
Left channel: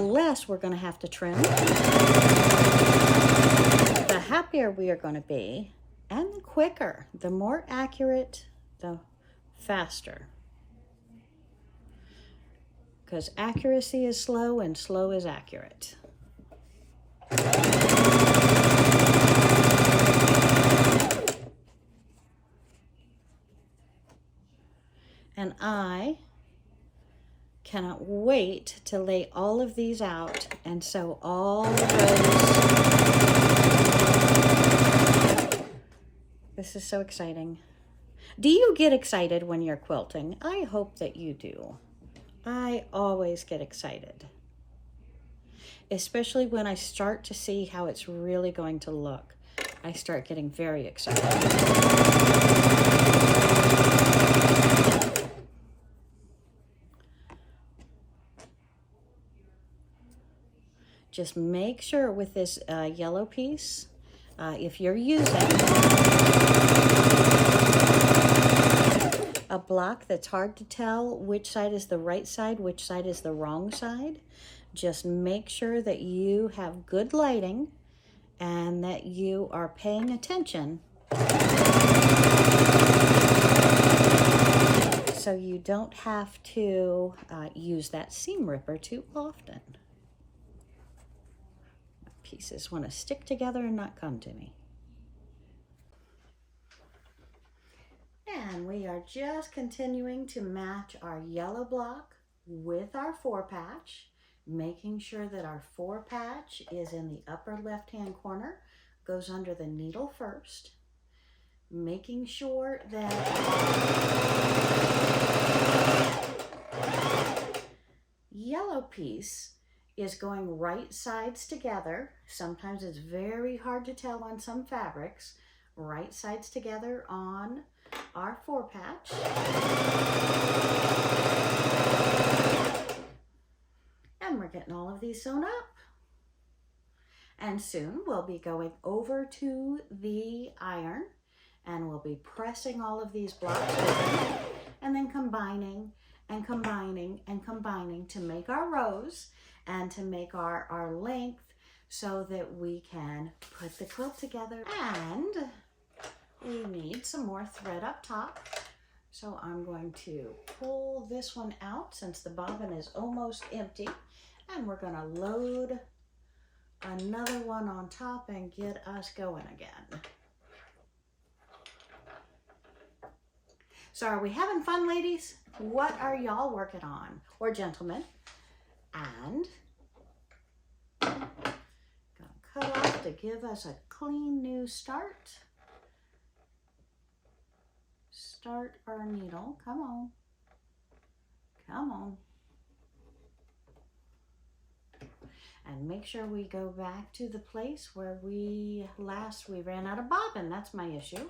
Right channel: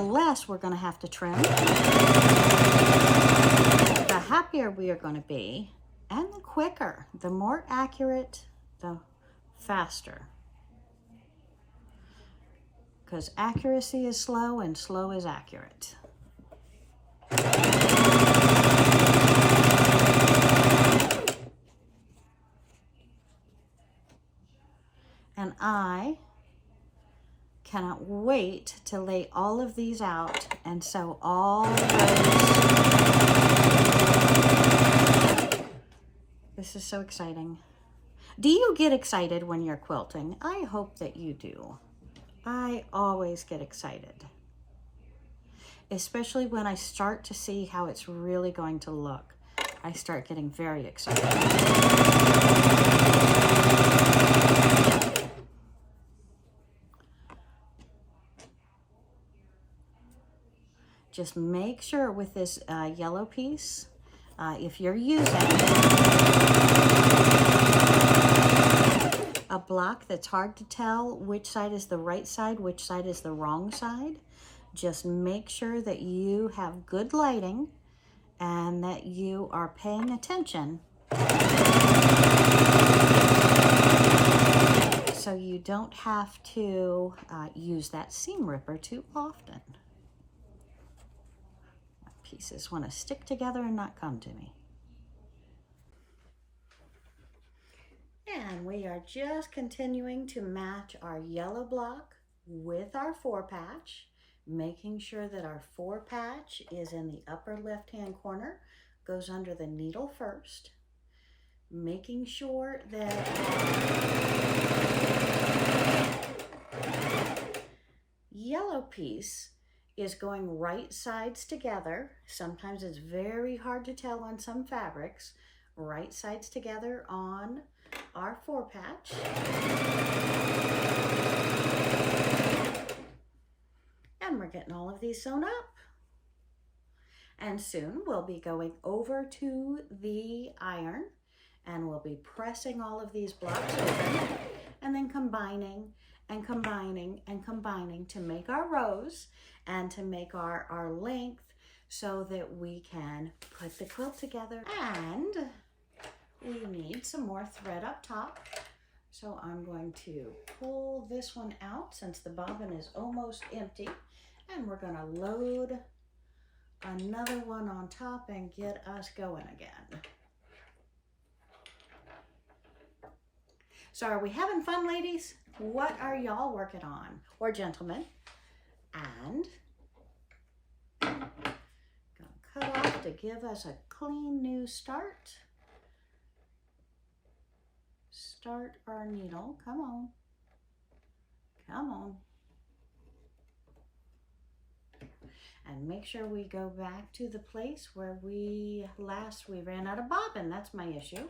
less we're going to have to trim. The happier we are going to be, and the quicker. The more accurate, the faster. Because accuracy is slow and slow is accurate. And I cannot wait to lay all of these out and sew all of those. This is so exciting. Do you get excited when you're quilting? I hope that you do. I always get excited, especially when I start to see how it's really going to look. I start getting very excited. Just make sure with this yellow piece, if you're using a block that's hard to tell which side is the right side, which side is the wrong side, just make sure that you have good lighting and that you are paying attention so you don't have to use that seam ripper too often. Pieces want to stick together and not come to me. And we are just continuing to match our yellow block with our 4-patch, making sure that our 4-patch is in the upper left-hand corner, goes under the needle first, making sure that our yellow piece is going right sides together. Sometimes it's very hard to tell on some fabrics. Right sides together on our 4-patch. And we're getting all of these sewn up. And soon we'll be going over to the iron and we'll be pressing all of these blocks open and then combining and combining and combining to make our rows and to make our length so that we can put the quilt together. And we need some more thread up top. So I'm going to pull this one out since the bobbin is almost empty, and we're going to load another one on top and get us going again. So are we having fun, ladies? What are y'all working on? Or gentlemen? And gonna cut off to give us a clean new start. Start our needle. Come on. Come on. And make sure we go back to the place where we ran out of bobbin. That's my issue.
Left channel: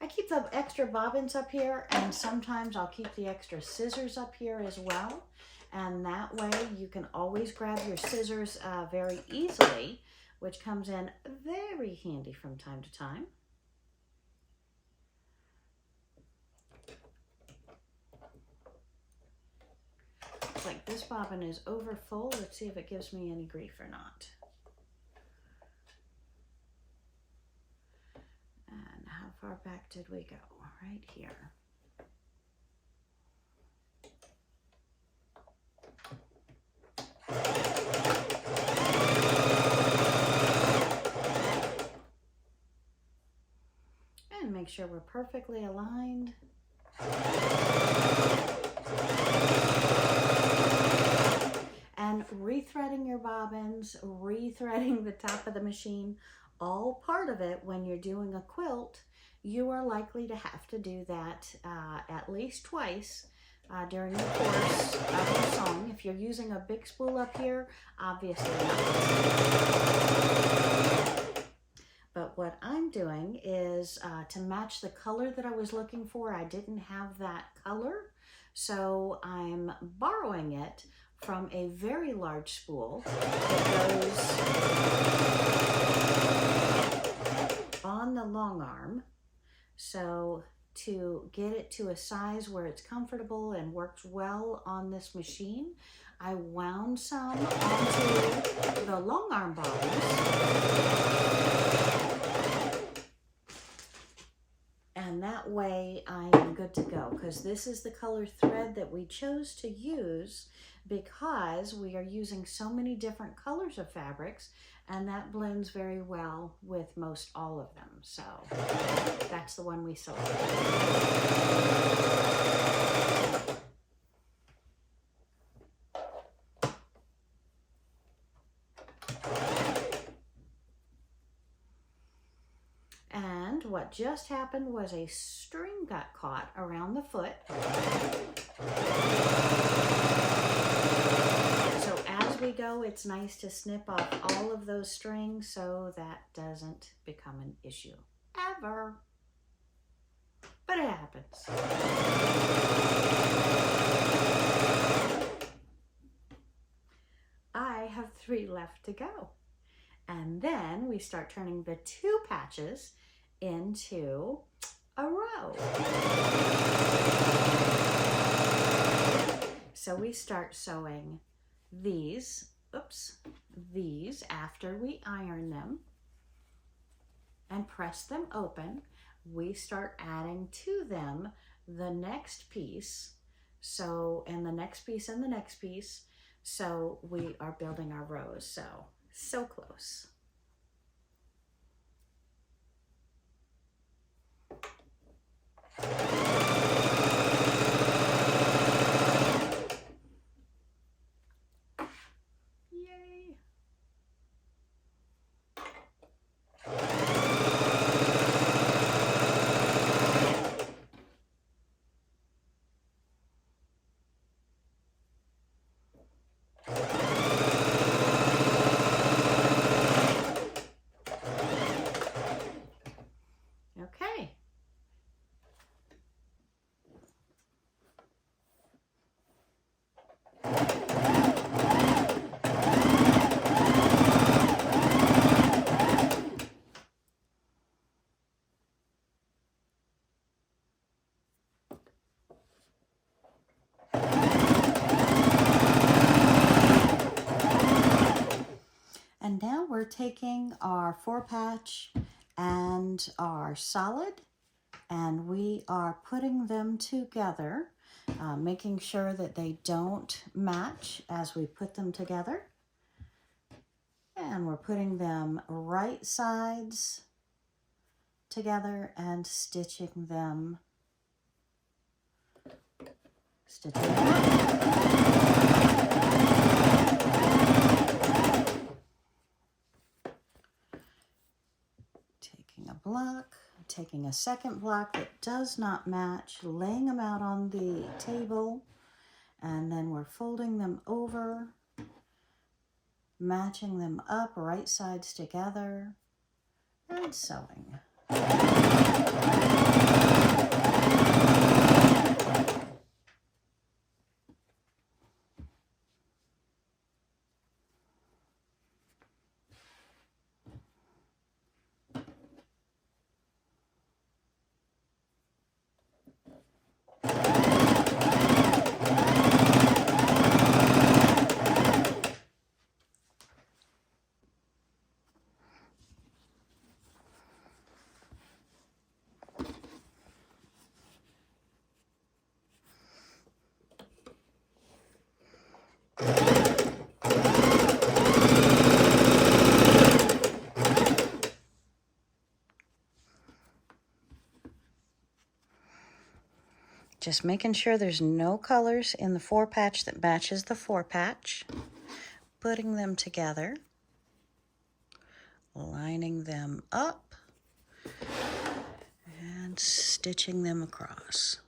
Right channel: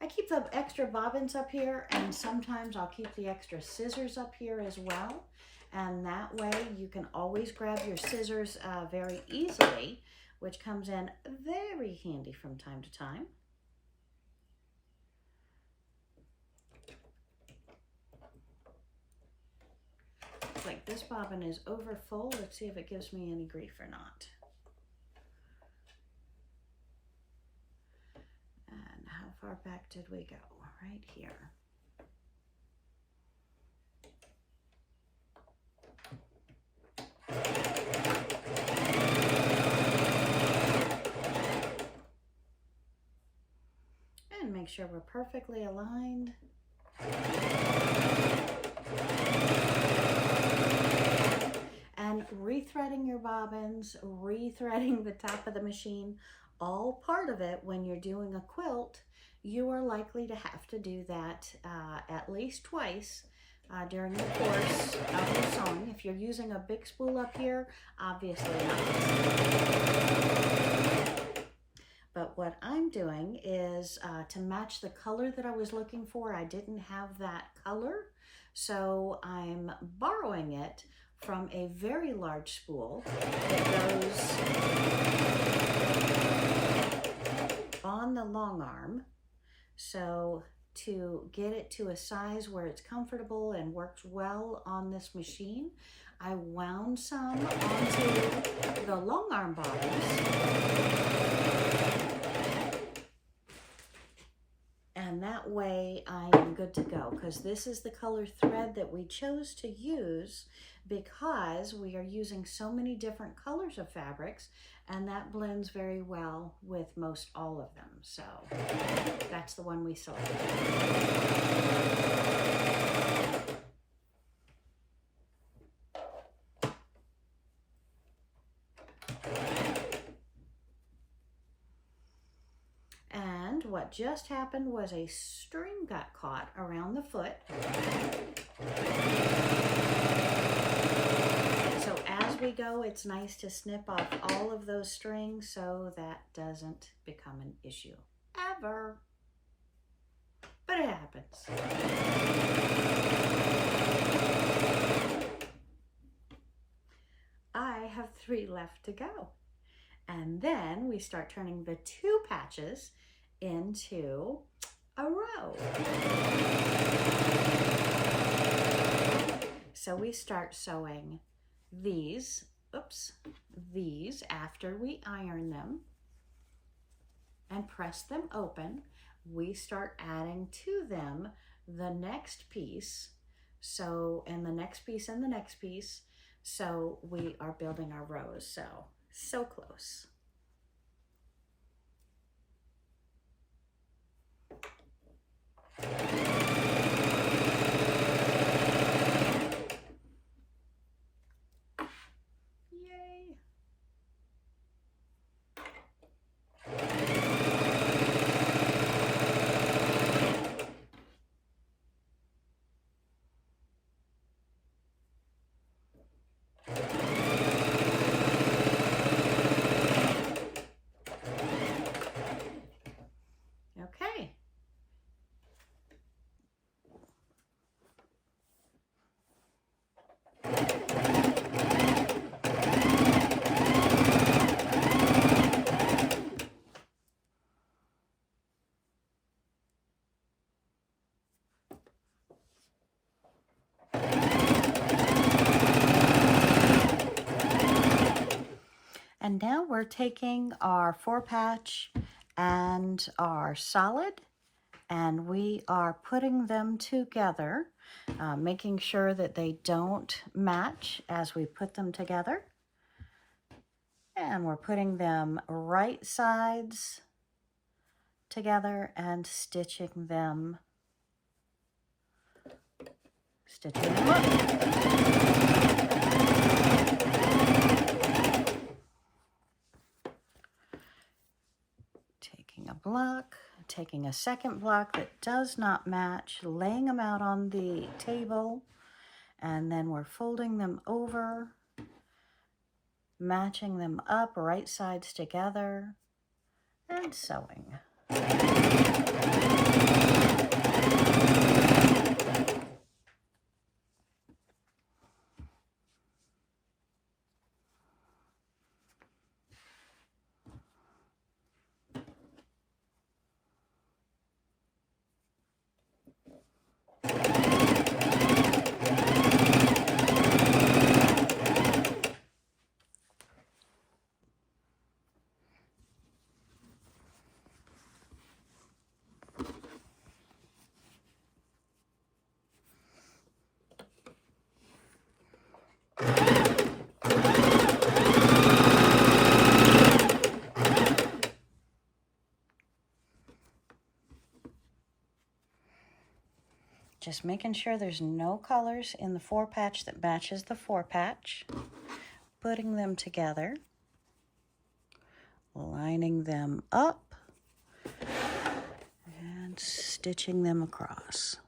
I keep the extra bobbins up here, and sometimes I'll keep the extra scissors up here as well. And that way you can always grab your scissors very easily, which comes in very handy from time to time. Looks like this bobbin is over full. Let's see if it gives me any grief or not. And how far back did we go? Right here. And make sure we're perfectly aligned. And rethreading your bobbins, rethreading the top of the machine, all part of it. When you're doing a quilt, you are likely to have to do that at least twice during the course of your sewing. If you're using a big spool up here, obviously not. But what I'm doing is to match the color that I was looking for. I didn't have that color, so I'm borrowing it from a very large spool that goes on the long arm. So to get it to a size where it's comfortable and works well on this machine, I wound some onto the long arm bobbins. And that way I am good to go, because this is the color thread that we chose to use because we are using so many different colors of fabrics, and that blends very well with most all of them. So that's the one we selected. And what just happened was a string got caught around the foot. So as we go, it's nice to snip off all of those strings so that doesn't become an issue ever. But it happens. I have 3 left to go. And then we start turning the 2 patches into a row. So we start sewing these after we iron them and press them open. We start adding to them the next piece. So, and the next piece and the next piece. So we are building our rows. So close. Yay. Okay. And now we're taking our 4-patch and our solid, and we are putting them together, making sure that they don't match as we put them together. And we're putting them right sides together and stitching them taking a block, taking a second block that does not match, laying them out on the table, and then we're folding them over, matching them up right sides together, and sewing. Just making sure there's no colors in the 4-patch that matches the 4-patch. Putting them together, lining them up, and stitching them across.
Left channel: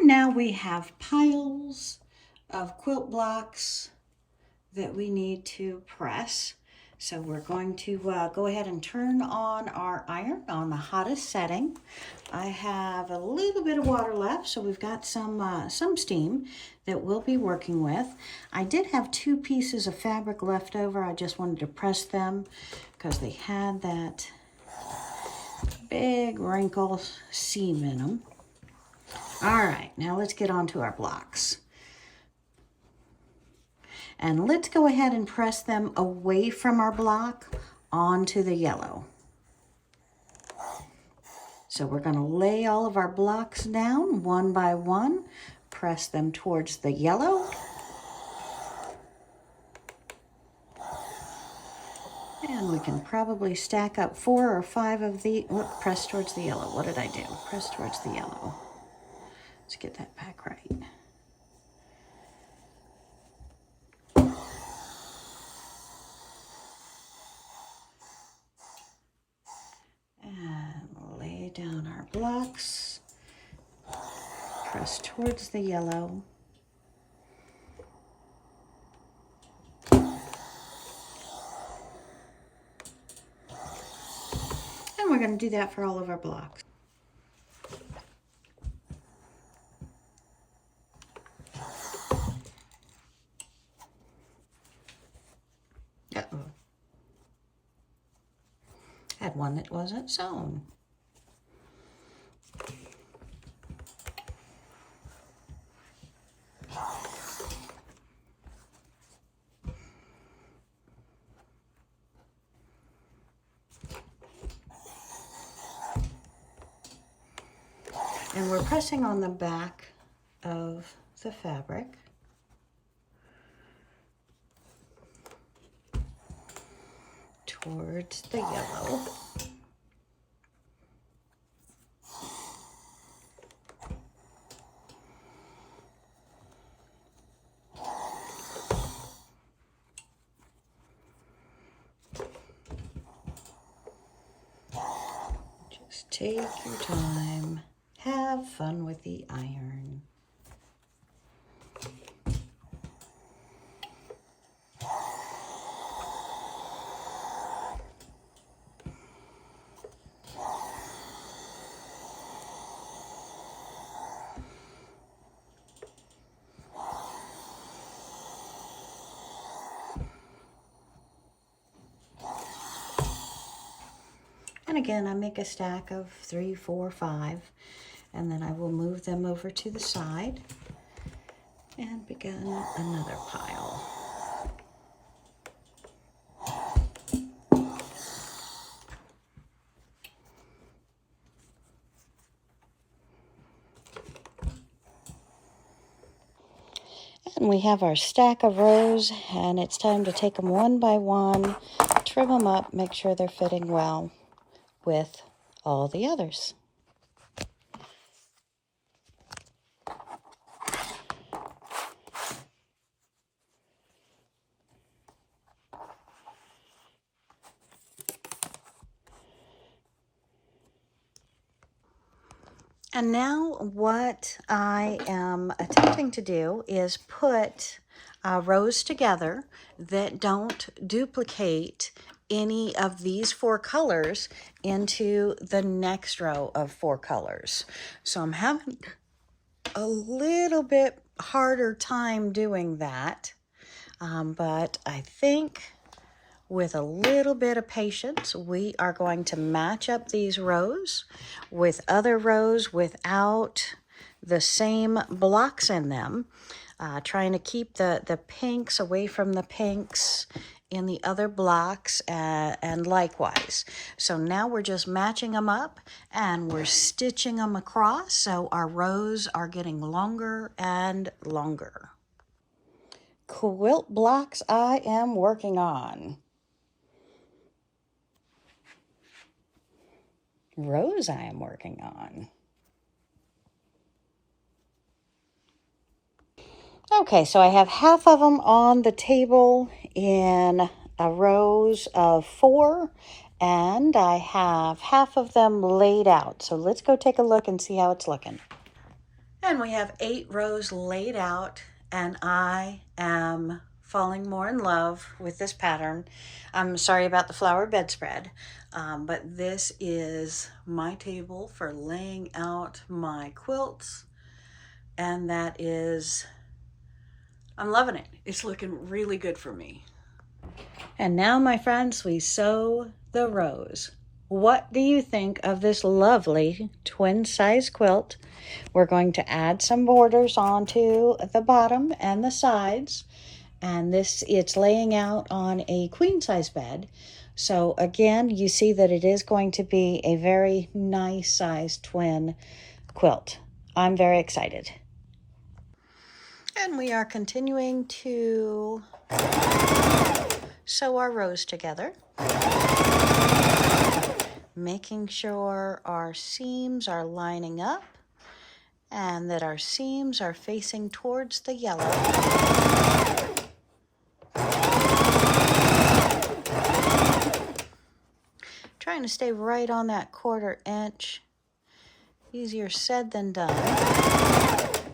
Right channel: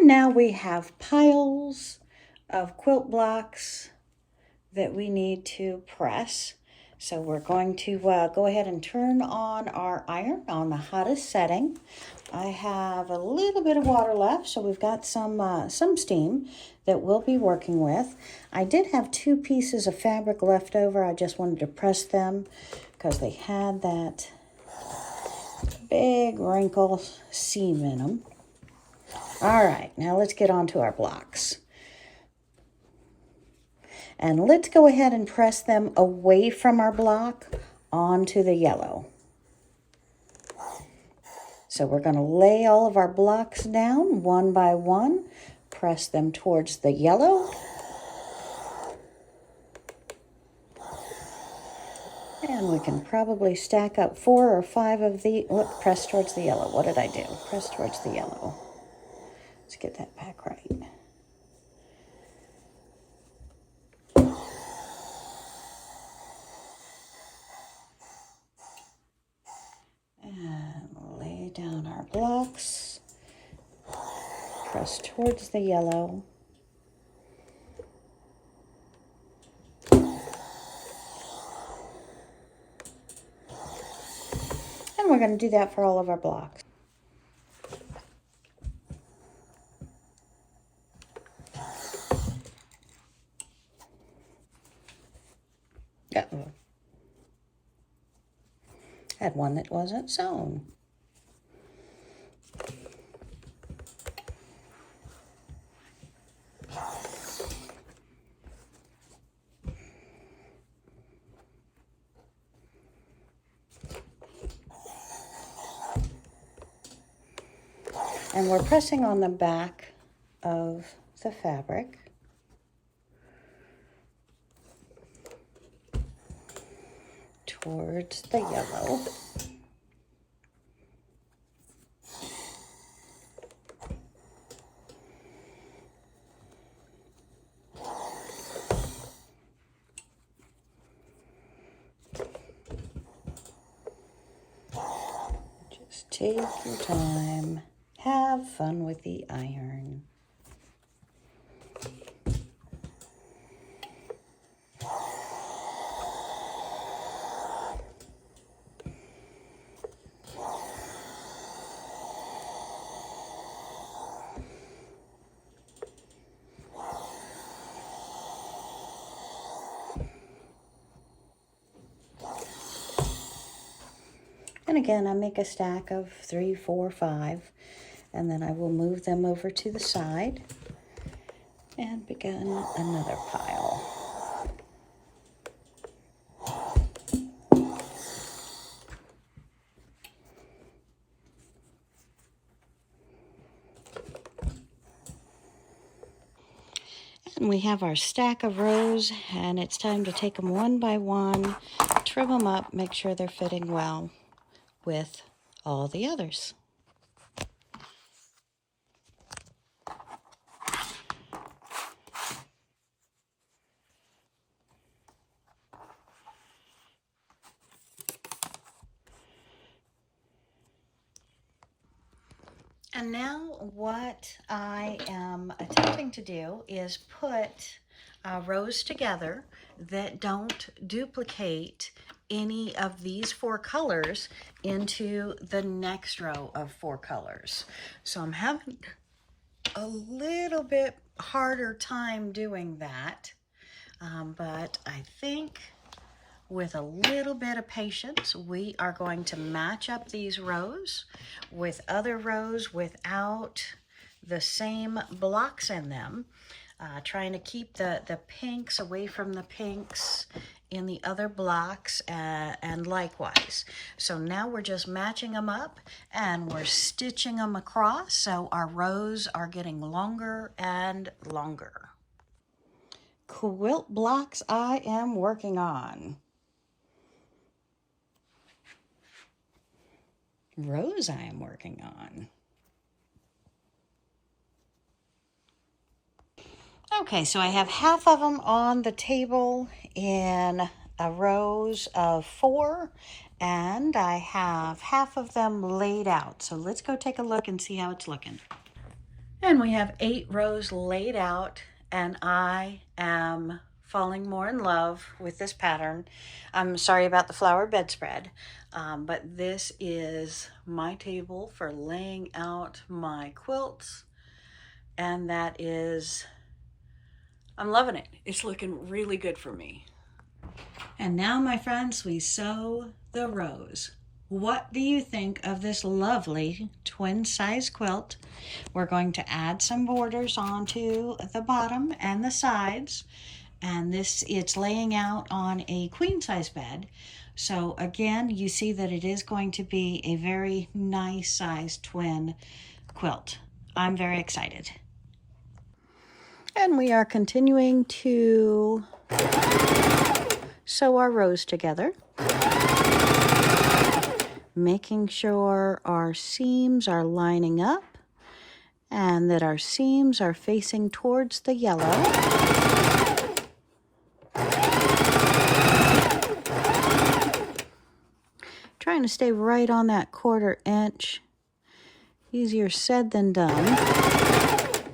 Now we have piles of quilt blocks that we need to press. So we're going to go ahead and turn on our iron on the hottest setting. I have a little bit of water left, so we've got some steam that we'll be working with. I did have 2 pieces of fabric left over. I just wanted to press them because they had that big wrinkle seam in them. All right, now let's get on to our blocks. And let's go ahead and press them away from our block onto the yellow. So we're going to lay all of our blocks down one by one, press them towards the yellow. And we can probably stack up 4 or 5 of the, press towards the yellow. What did I do? Press towards the yellow. Let's get that back right. across towards the yellow. And we're going to do that for all of our blocks. Uh-oh. Had one that wasn't sewn. And we're pressing on the back of the fabric. Towards the yellow. Just take your time. Have fun with the iron. And again, I make a stack of 3, 4, 5, and then I will move them over to the side and begin another pile. And we have our stack of rows, and it's time to take them one by one, trim them up, make sure they're fitting well with all the others. And now what I am attempting to do is put rows together that don't duplicate any of these 4 colors into the next row of 4 colors. So I'm having a little bit harder time doing that, but I think with a little bit of patience, we are going to match up these rows with other rows without the same blocks in them, trying to keep the pinks away from the pinks in the other blocks, and likewise. So now we're just matching them up and we're stitching them across, so our rows are getting longer and longer. Quilt blocks I am working on. Rows I am working on. Okay, so I have half of them on the table in rows of 4, and I have half of them laid out. So let's go take a look and see how it's looking. And we have 8 rows laid out, and I am falling more in love with this pattern. I'm sorry about the flower bedspread, but this is my table for laying out my quilts, and that is, I'm loving it. It's looking really good for me. And now, my friends, we sew the rows. What do you think of this lovely twin size quilt? We're going to add some borders onto the bottom and the sides, and it's laying out on a queen size bed. So again, you see that it is going to be a very nice sized twin quilt. I'm very excited. And we are continuing to sew our rows together, making sure our seams are lining up and that our seams are facing towards the yellow. Trying to stay right on that 1/4 inch. Easier said than done.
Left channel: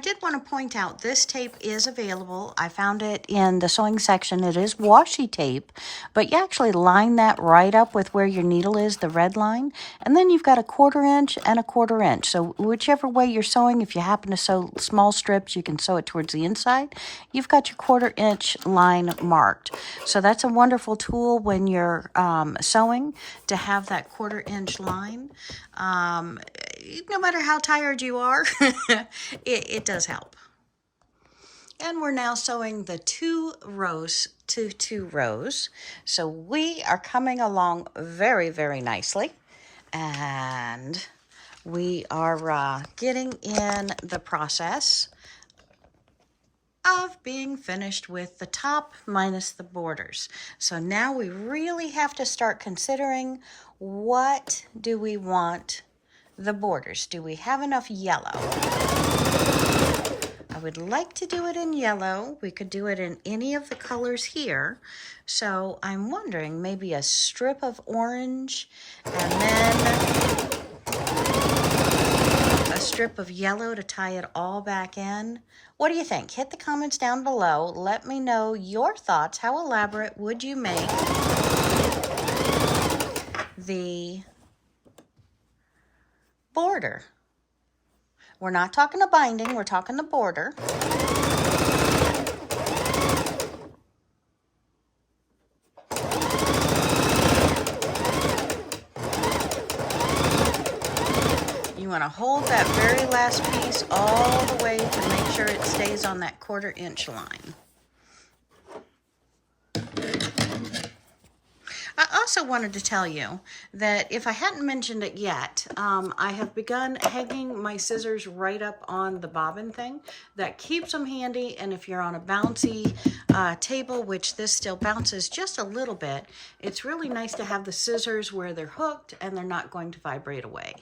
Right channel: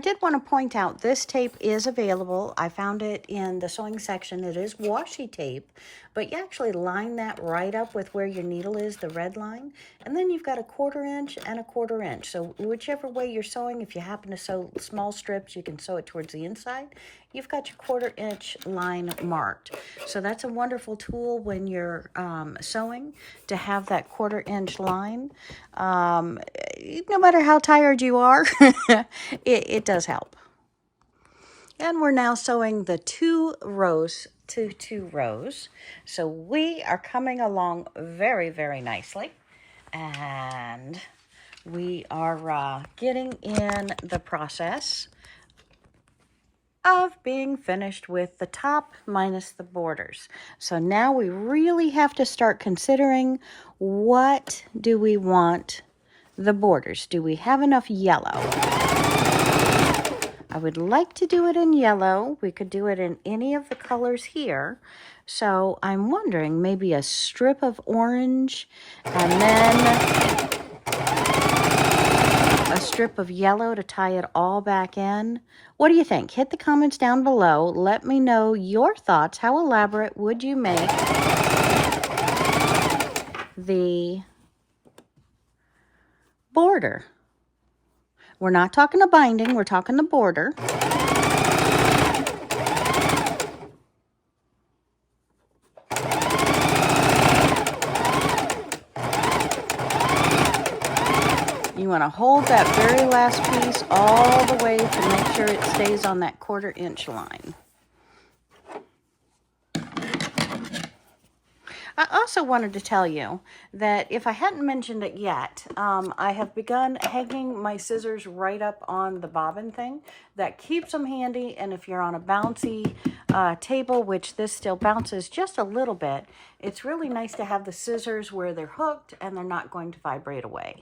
I did want to point out this tape is available. I found it in the sewing section. It is washi tape, but you actually line that right up with where your needle is, the red line, and then you've got a 1/4 inch and a 1/4 inch. So whichever way you're sewing, if you happen to sew small strips, you can sew it towards the inside. You've got your 1/4 inch line marked. So that's a wonderful tool when you're sewing, to have that 1/4 inch line. No matter how tired you are, it does help. And we're now sewing the 2 rows to 2 rows. So we are coming along very, very nicely. And we are getting in the process of being finished with the top minus the borders. So now we really have to start considering, what do we want the borders? Do we have enough yellow? I would like to do it in yellow. We could do it in any of the colors here. So I'm wondering, maybe a strip of orange and then a strip of yellow to tie it all back in. What do you think? Hit the comments down below. Let me know your thoughts. How elaborate would you make the border? We're not talking a binding, we're talking the border. You want to hold that very last piece all the way to make sure it stays on that 1/4 inch line. I also wanted to tell you that if I hadn't mentioned it yet, I have begun hanging my scissors right up on the bobbin thing. That keeps them handy, and if you're on a bouncy table, which this still bounces just a little bit, it's really nice to have the scissors where they're hooked and they're not going to vibrate away.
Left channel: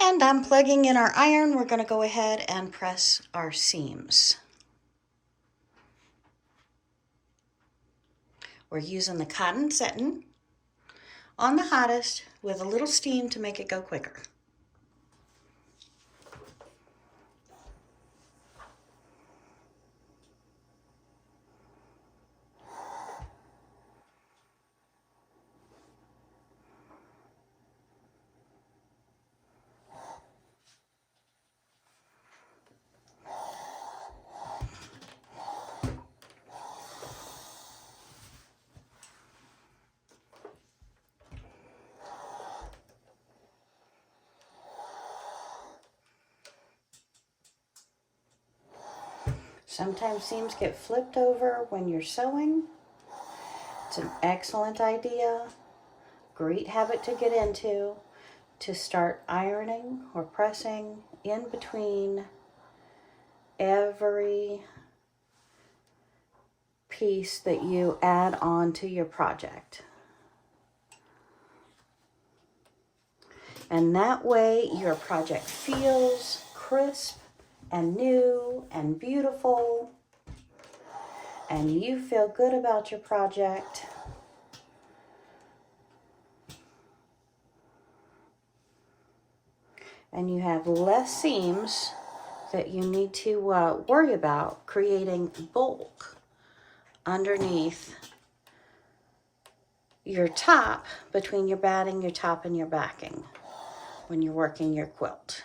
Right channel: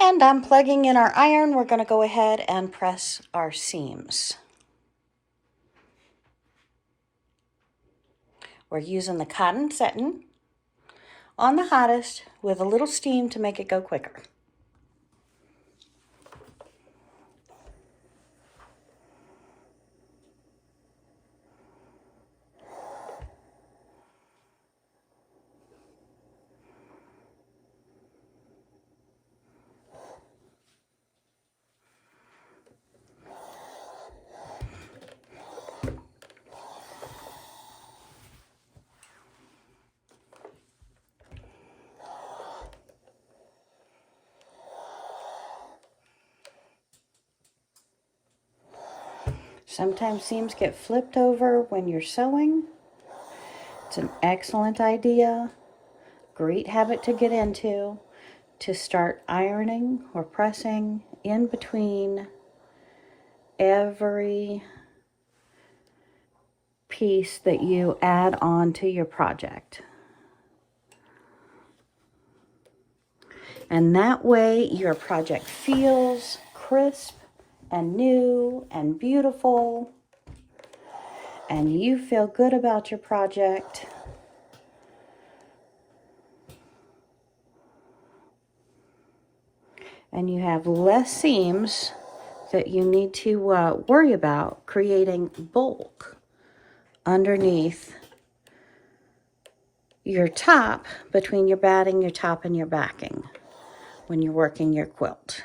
And I'm plugging in our iron. We're going to go ahead and press our seams. We're using the cotton setting on the hottest with a little steam to make it go quicker. Sometimes seams get flipped over when you're sewing. It's an excellent idea, great habit to get into, to start ironing or pressing in between every piece that you add on to your project. And that way your project feels crisp and new and beautiful, and you feel good about your project. And you have less seams that you need to worry about creating bulk underneath your top, between your batting, your top, and your backing when you're working your quilt.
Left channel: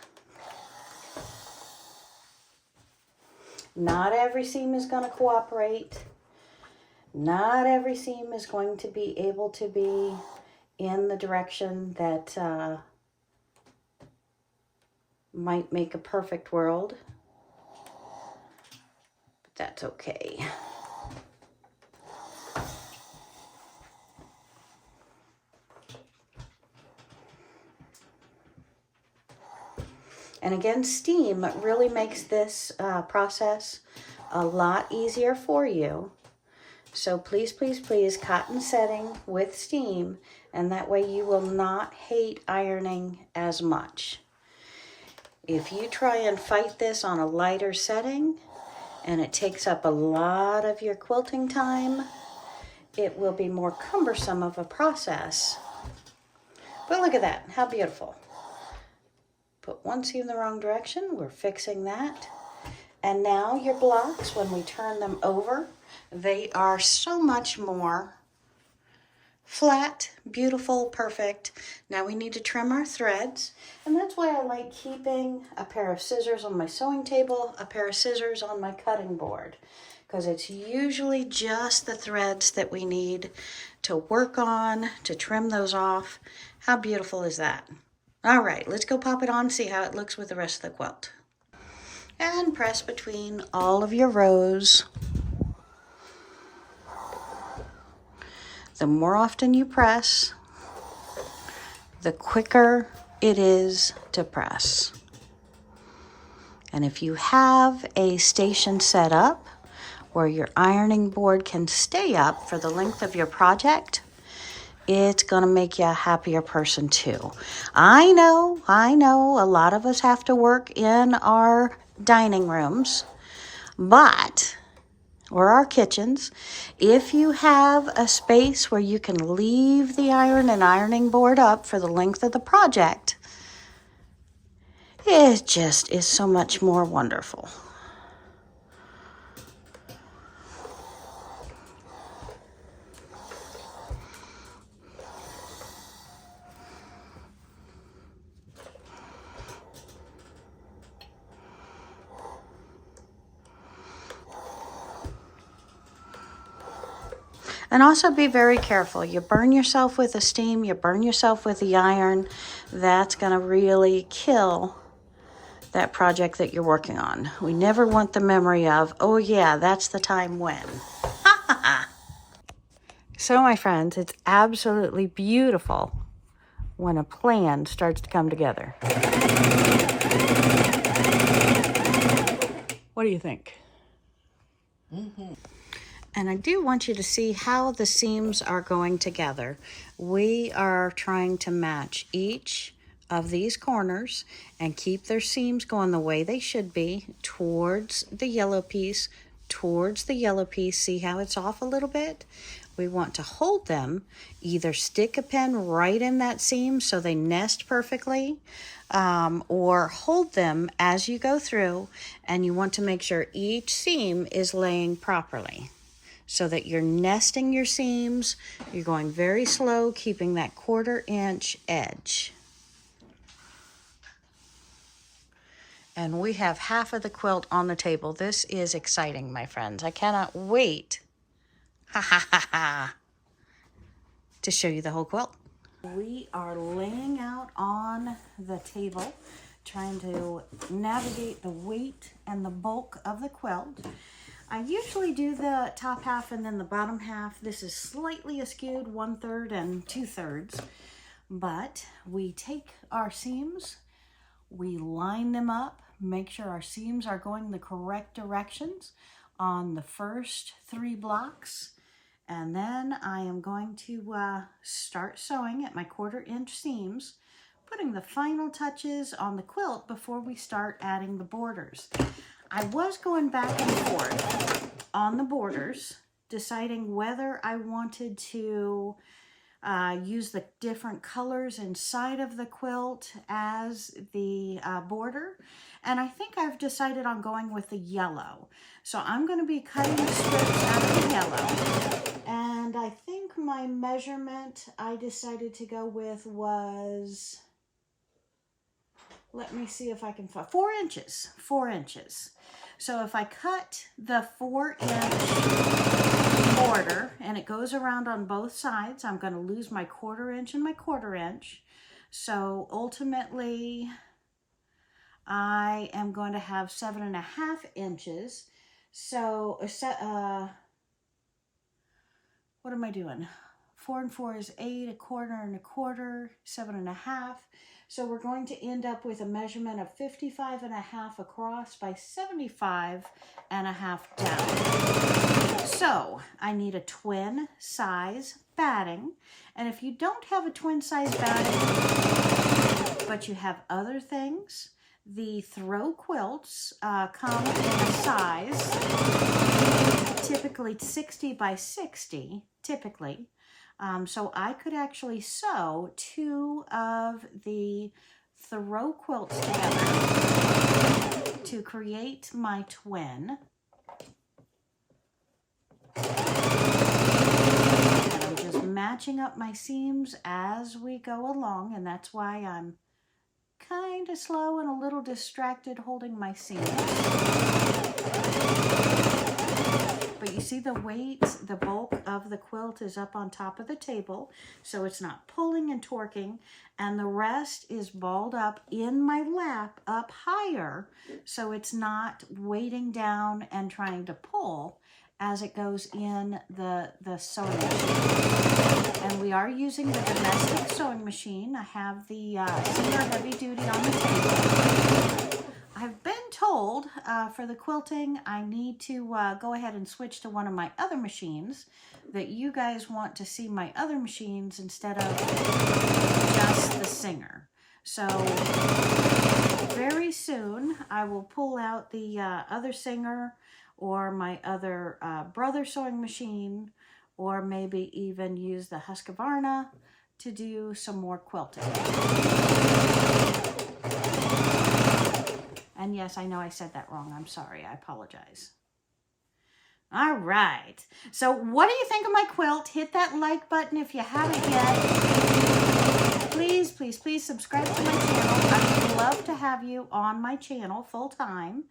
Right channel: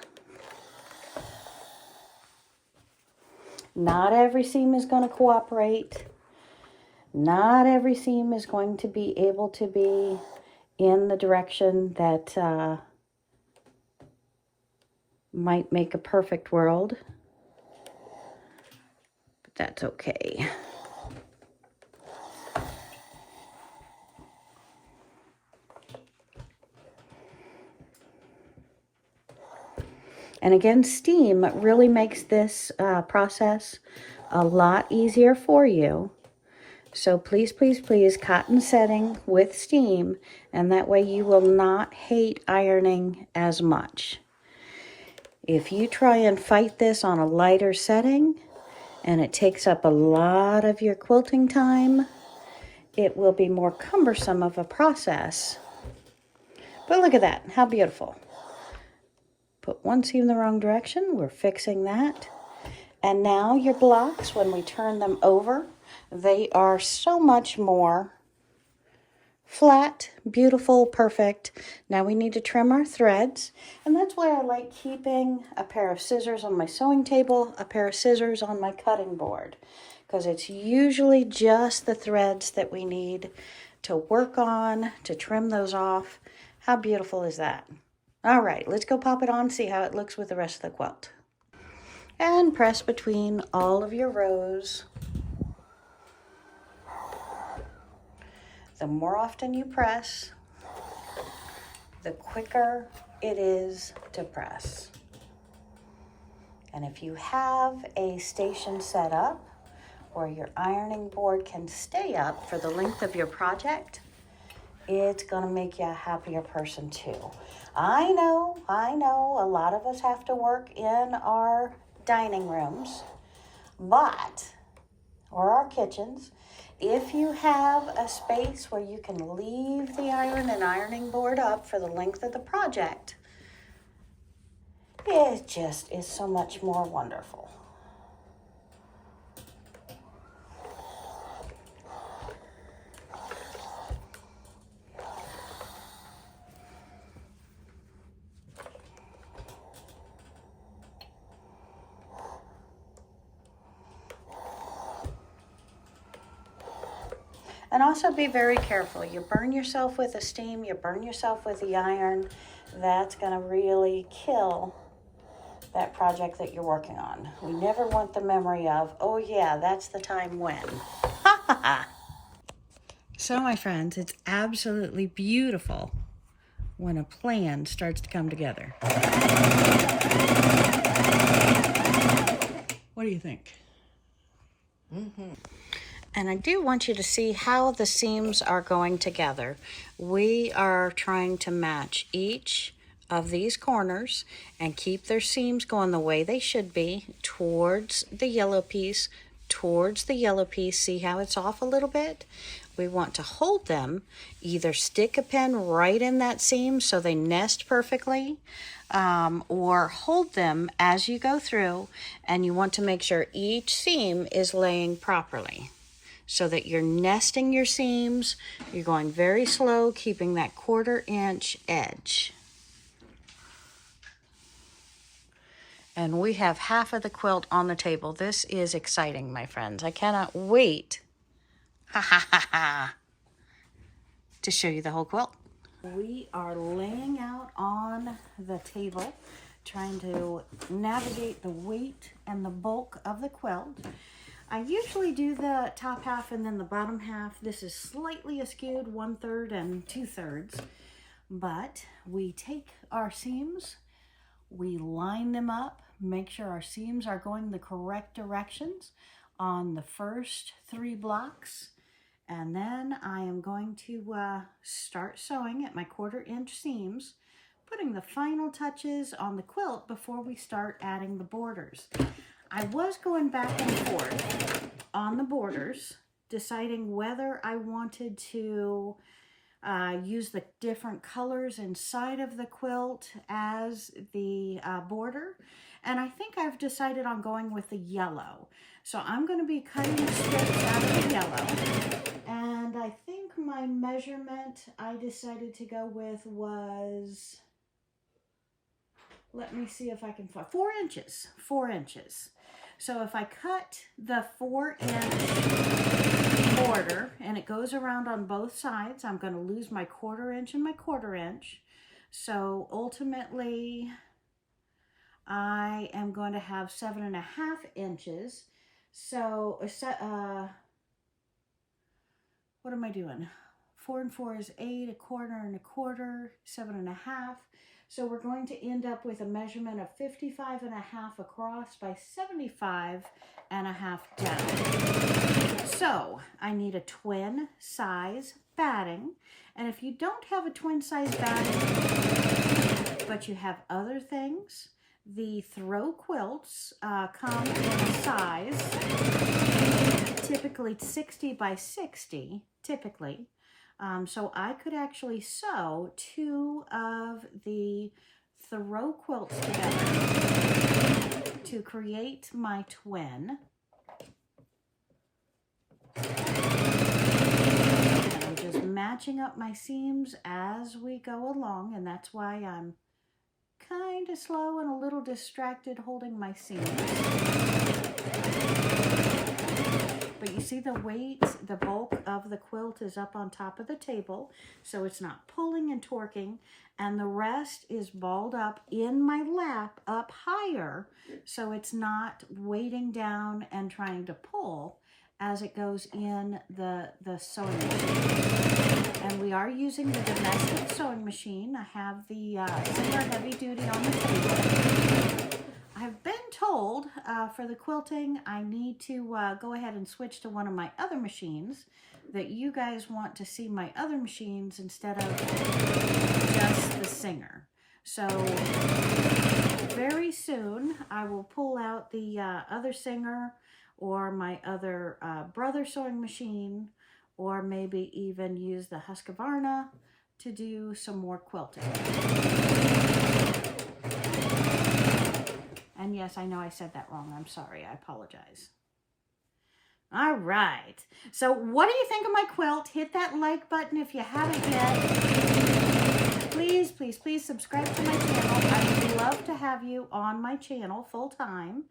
Not every seam is going to cooperate. Not every seam is going to be able to be in the direction that might make a perfect world, but that's okay. And again, steam really makes this process a lot easier for you. So please, please, please, cotton setting with steam, and that way you will not hate ironing as much. If you try and fight this on a lighter setting, and it takes up a lot of your quilting time, it will be more cumbersome of a process. But look at that, how beautiful. Put one seam the wrong direction, we're fixing that. And now your blocks, when we turn them over, they are so much more flat, beautiful, perfect. Now we need to trim our threads, and that's why I like keeping a pair of scissors on my sewing table, a pair of scissors on my cutting board, because it's usually just the threads that we need to work on, to trim those off. How beautiful is that? All right, let's go pop it on, see how it looks with the rest of the quilt. And press between all of your rows. The more often you press, the quicker it is to press. And if you have a station set up where your ironing board can stay up for the length of your project, it's gonna make you a happier person too. I know, a lot of us have to work in our dining rooms, or our kitchens. If you have a space where you can leave the iron and ironing board up for the length of the project, it just is so much more wonderful. And also be very careful. You burn yourself with the steam, you burn yourself with the iron, that's gonna really kill that project that you're working on. We never want the memory of, oh yeah, that's the time when. So my friends, it's absolutely beautiful when a plan starts to come together. What do you think? Mm-hmm. And I do want you to see how the seams are going together. We are trying to match each of these corners and keep their seams going the way they should be towards the yellow piece, See how it's off a little bit? We want to hold them, either stick a pin right in that seam so they nest perfectly, or hold them as you go through, and you want to make sure each seam is laying properly, so that you're nesting your seams, you're going very slow, keeping that 1/4 inch edge. And we have half of the quilt on the table. This is exciting, my friends. I cannot wait to show you the whole quilt. We are laying out on the table, trying to navigate the weight and the bulk of the quilt. I usually do the top half and then the bottom half. This is slightly askewed, 1/3 and 2/3. But we take our seams, we line them up, make sure our seams are going the correct directions on the first 3 blocks. And then I am going to start sewing at my 1/4 inch seams, putting the final touches on the quilt before we start adding the borders. I was going back and forth on the borders, deciding whether I wanted to use the different colors inside of the quilt as the border. And I think I've decided on going with the yellow. So I'm going to be cutting the strips out of the yellow. And I think my measurement I decided to go with was, let me see if I can find, 4 inches. 4 inches. So if I cut the 4-inch border and it goes around on both sides, I'm going to lose my 1/4 inch and my 1/4 inch. So ultimately, I am going to have 7.5 inches. So, what am I doing? 4 and 4 is 8, 1/4 and 1/4, 7.5. So we're going to end up with a measurement of 55.5 across by 75.5 down. So I need a twin size batting. And if you don't have a twin size batting, but you have other things, the throw quilts come in a size, typically 60 by 60, typically. So I could actually sew 2 of the throw quilts together to create my twin. And I'm just matching up my seams as we go along, and that's why I'm kind of slow and a little distracted holding my seams. But you see the weight, the bulk of the quilt is up on top of the table, so it's not pulling and torquing, and the rest is balled up in my lap up higher, so it's not weighting down and trying to pull as it goes in the sewing machine. And we are using the domestic sewing machine. I have the Singer Heavy Duty on the table. I've been told for the quilting, I need to go ahead and switch to one of my other machines, that you guys want to see my other machines instead of just the Singer. So very soon I will pull out the other Singer or my other Brother sewing machine, or maybe even use the Husqvarna to do some more quilting. And yes, I know I said that wrong. I'm sorry. I apologize. All right. So what do you think of my quilt? Hit that like button if you haven't yet. Please, please, please subscribe to my channel. I would love to have you on my channel full time.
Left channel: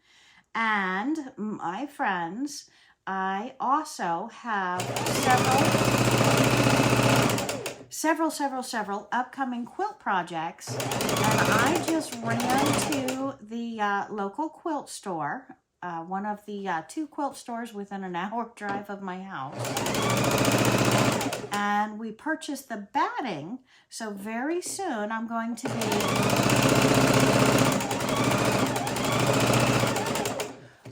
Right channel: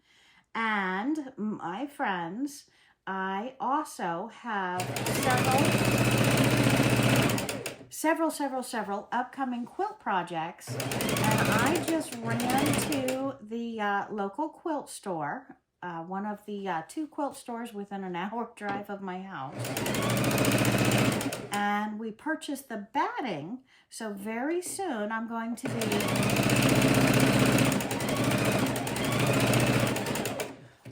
And my friends, I also have several upcoming quilt projects, and I just ran to the local quilt store, one of the 2 quilt stores within an hour drive of my house, and we purchased the batting. So very soon I'm going to be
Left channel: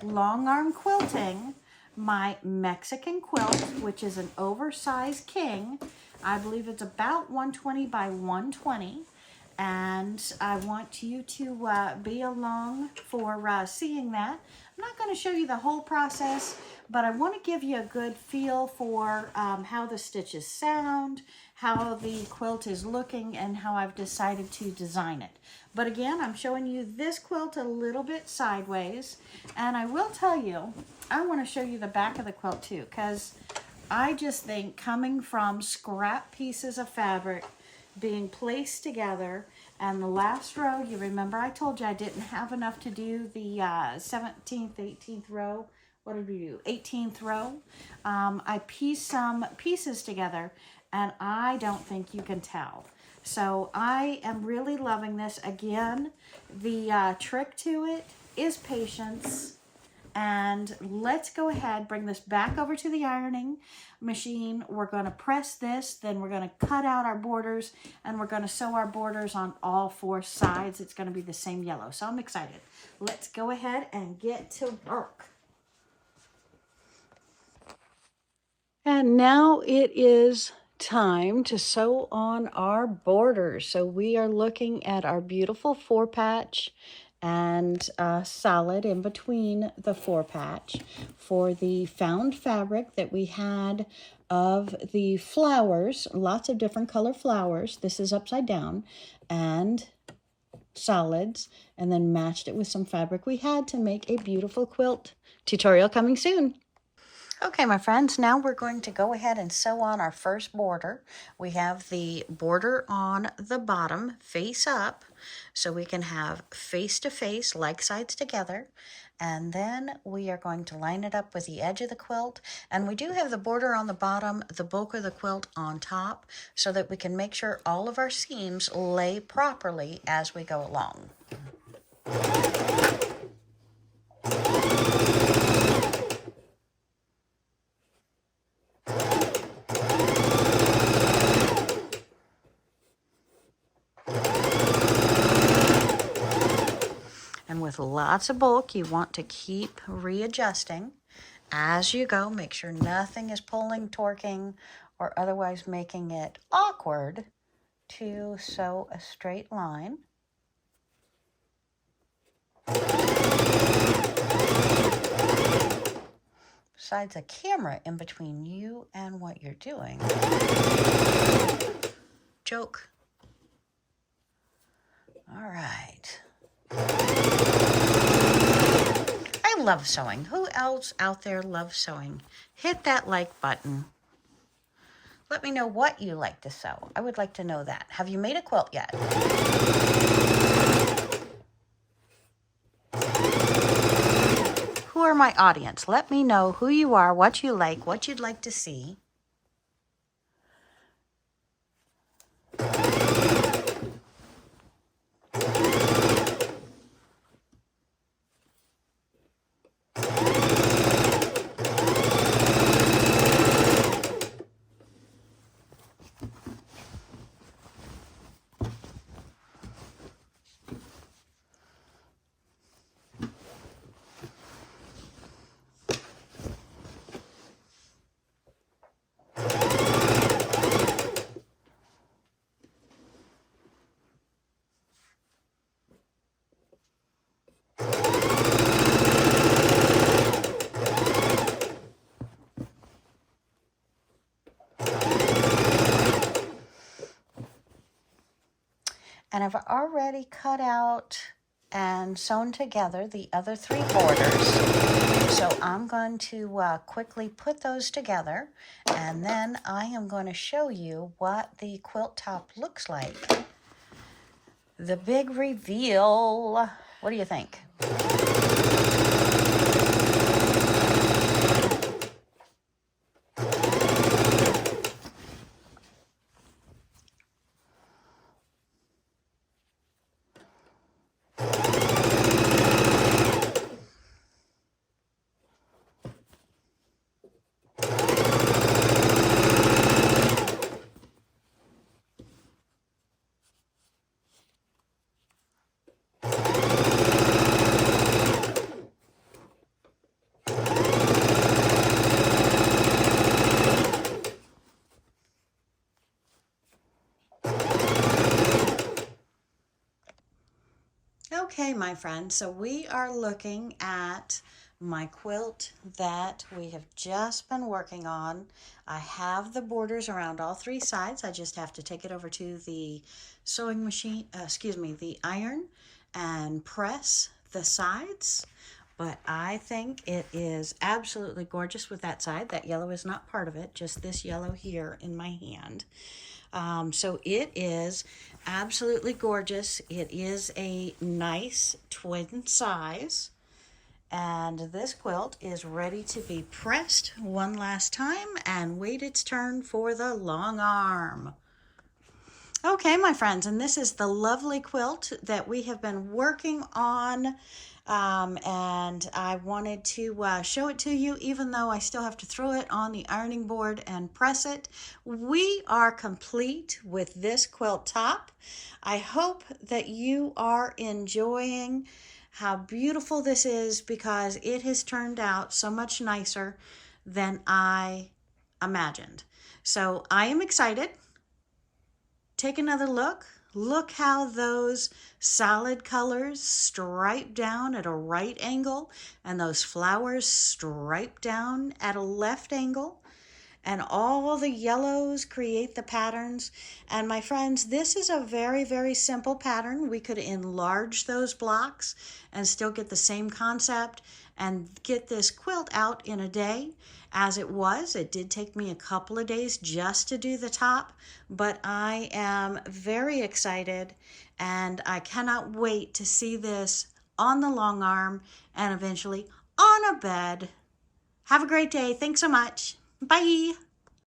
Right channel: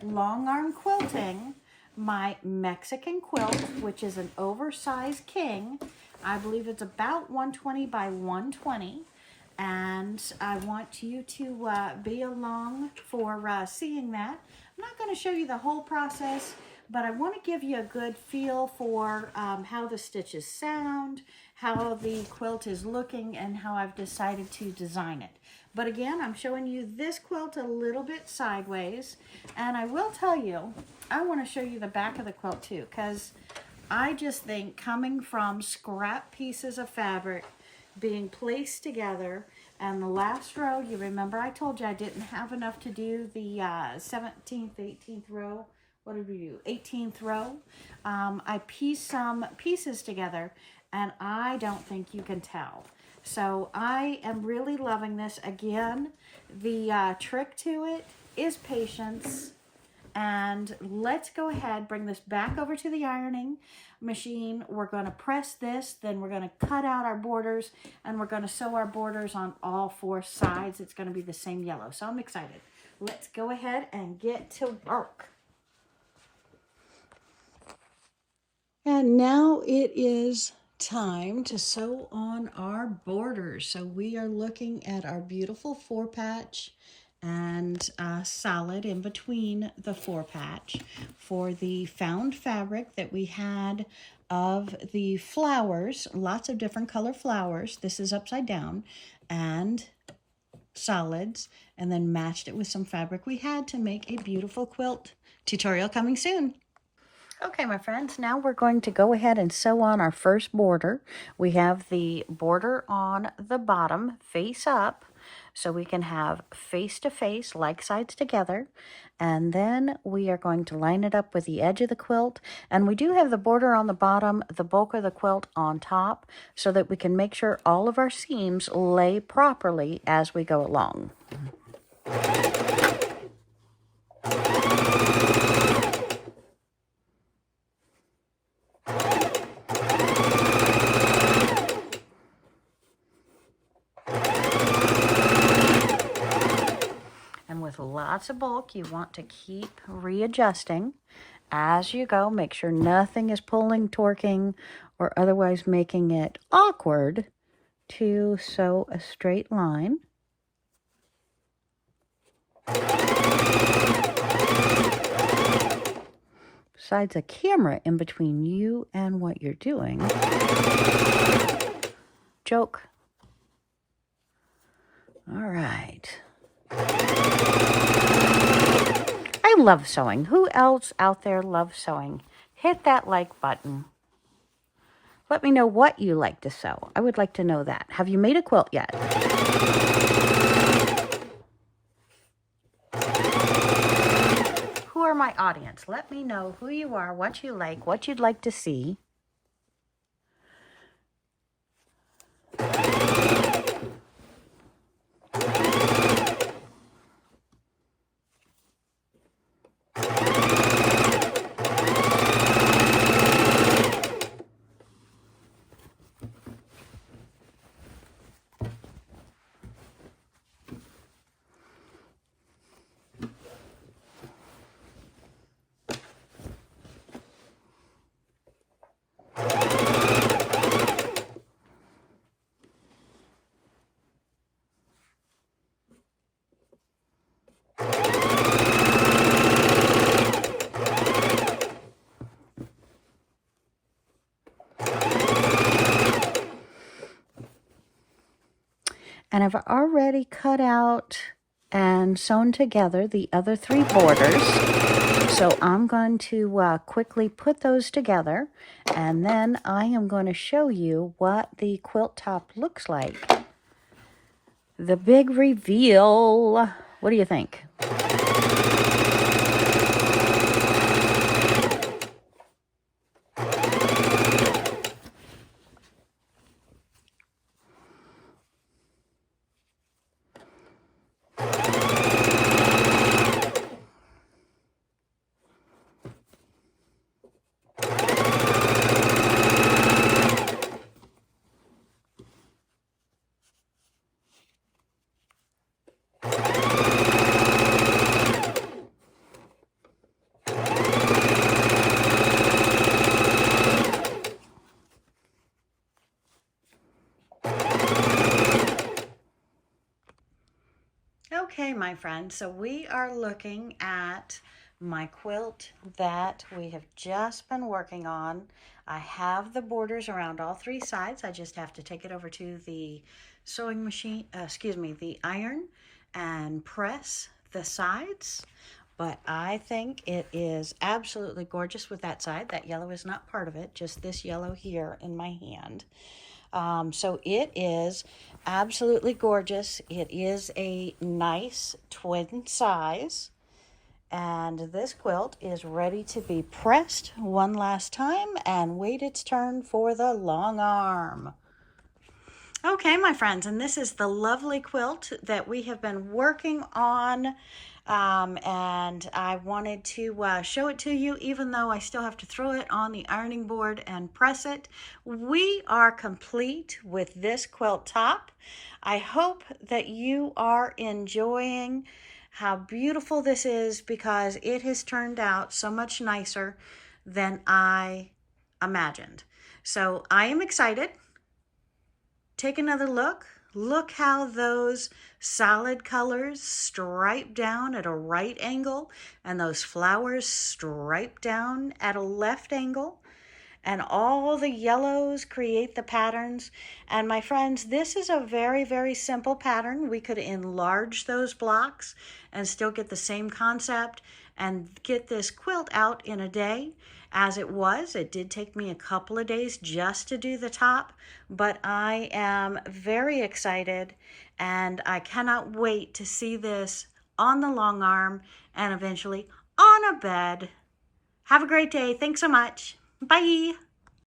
long arm quilting my Mexican quilt, which is an oversized king. I believe it's about 120 by 120, and I want you to be along for seeing that. I'm not going to show you the whole process, but I want to give you a good feel for how the stitches sound, how the quilt is looking, and how I've decided to design it. But again, I'm showing you this quilt a little bit sideways, and I will tell you, I want to show you the back of the quilt too, because I just think coming from scrap pieces of fabric being placed together, and the last row, you remember I told you I didn't have enough to do the 17th, 18th row. What did we do? 18th row. I pieced some pieces together, and I don't think you can tell. So I am really loving this. Again, the trick to it is patience. And let's go ahead, bring this back over to the ironing machine. We're going to press this, then we're going to cut out our borders, and we're going to sew our borders on all 4 sides. It's going to be the same yellow. So I'm excited. Let's go ahead and get to work. And now it is time to sew on our borders. So we are looking at our beautiful 4-patch and solid in between the 4-patch for the found fabric that we had of the flowers, lots of different color flowers. This is upside down, and solids, and then matched it with some fabric we had to make a beautiful quilt. Tutorial coming soon. Okay, my friends, now we're going to go ahead and sew on our first border. We have the border on the bottom face up, so we can have face to face, like sides together. And then we are going to line it up with the edge of the quilt. And we do have the border on the bottom, the bulk of the quilt on top, so that we can make sure all of our seams lay properly as we go along. With lots of bulk, you want to keep readjusting as you go. Make sure nothing is pulling, torquing, or otherwise making it awkward to sew a straight line. Besides a camera in between you and what you're doing. Joke. All right. I love sewing. Who else out there loves sewing? Hit that like button. Let me know what you like to sew. I would like to know that. Have you made a quilt yet? Who are my audience? Let me know who you are, what you like, what you'd like to see. And I've already cut out and sewn together the other 3 borders. So I'm going to quickly put those together, and then I am going to show you what the quilt top looks like. The big reveal. What do you think? Okay, my friends, so we are looking at my quilt that we have just been working on. I have the borders around all 3 sides. I just have to take it over to the sewing machine, the iron, and press the sides. But I think it is absolutely gorgeous with that side. That yellow is not part of it, just this yellow here in my hand. So it is absolutely gorgeous. It is a nice twin size. And this quilt is ready to be pressed one last time and wait its turn for the long arm. Okay, my friends, and this is the lovely quilt that we have been working on. And I wanted to show it to you, even though I still have to throw it on the ironing board and press it. We are complete with this quilt top. I hope that you are enjoying how beautiful this is, because it has turned out so much nicer than I imagined. So I am excited. Take another look. Look how those solid colors stripe down at a right angle, and those flowers stripe down at a left angle, and all the yellows create the patterns. And my friends, this is a very, very simple pattern. We could enlarge those blocks and still get the same concept and get this quilt out in a day. As it was, it did take me a couple of days just to do the top, but I am very excited, and I cannot wait to see this on the long arm and eventually on a bed. Have a great day. Thanks so much. Bye.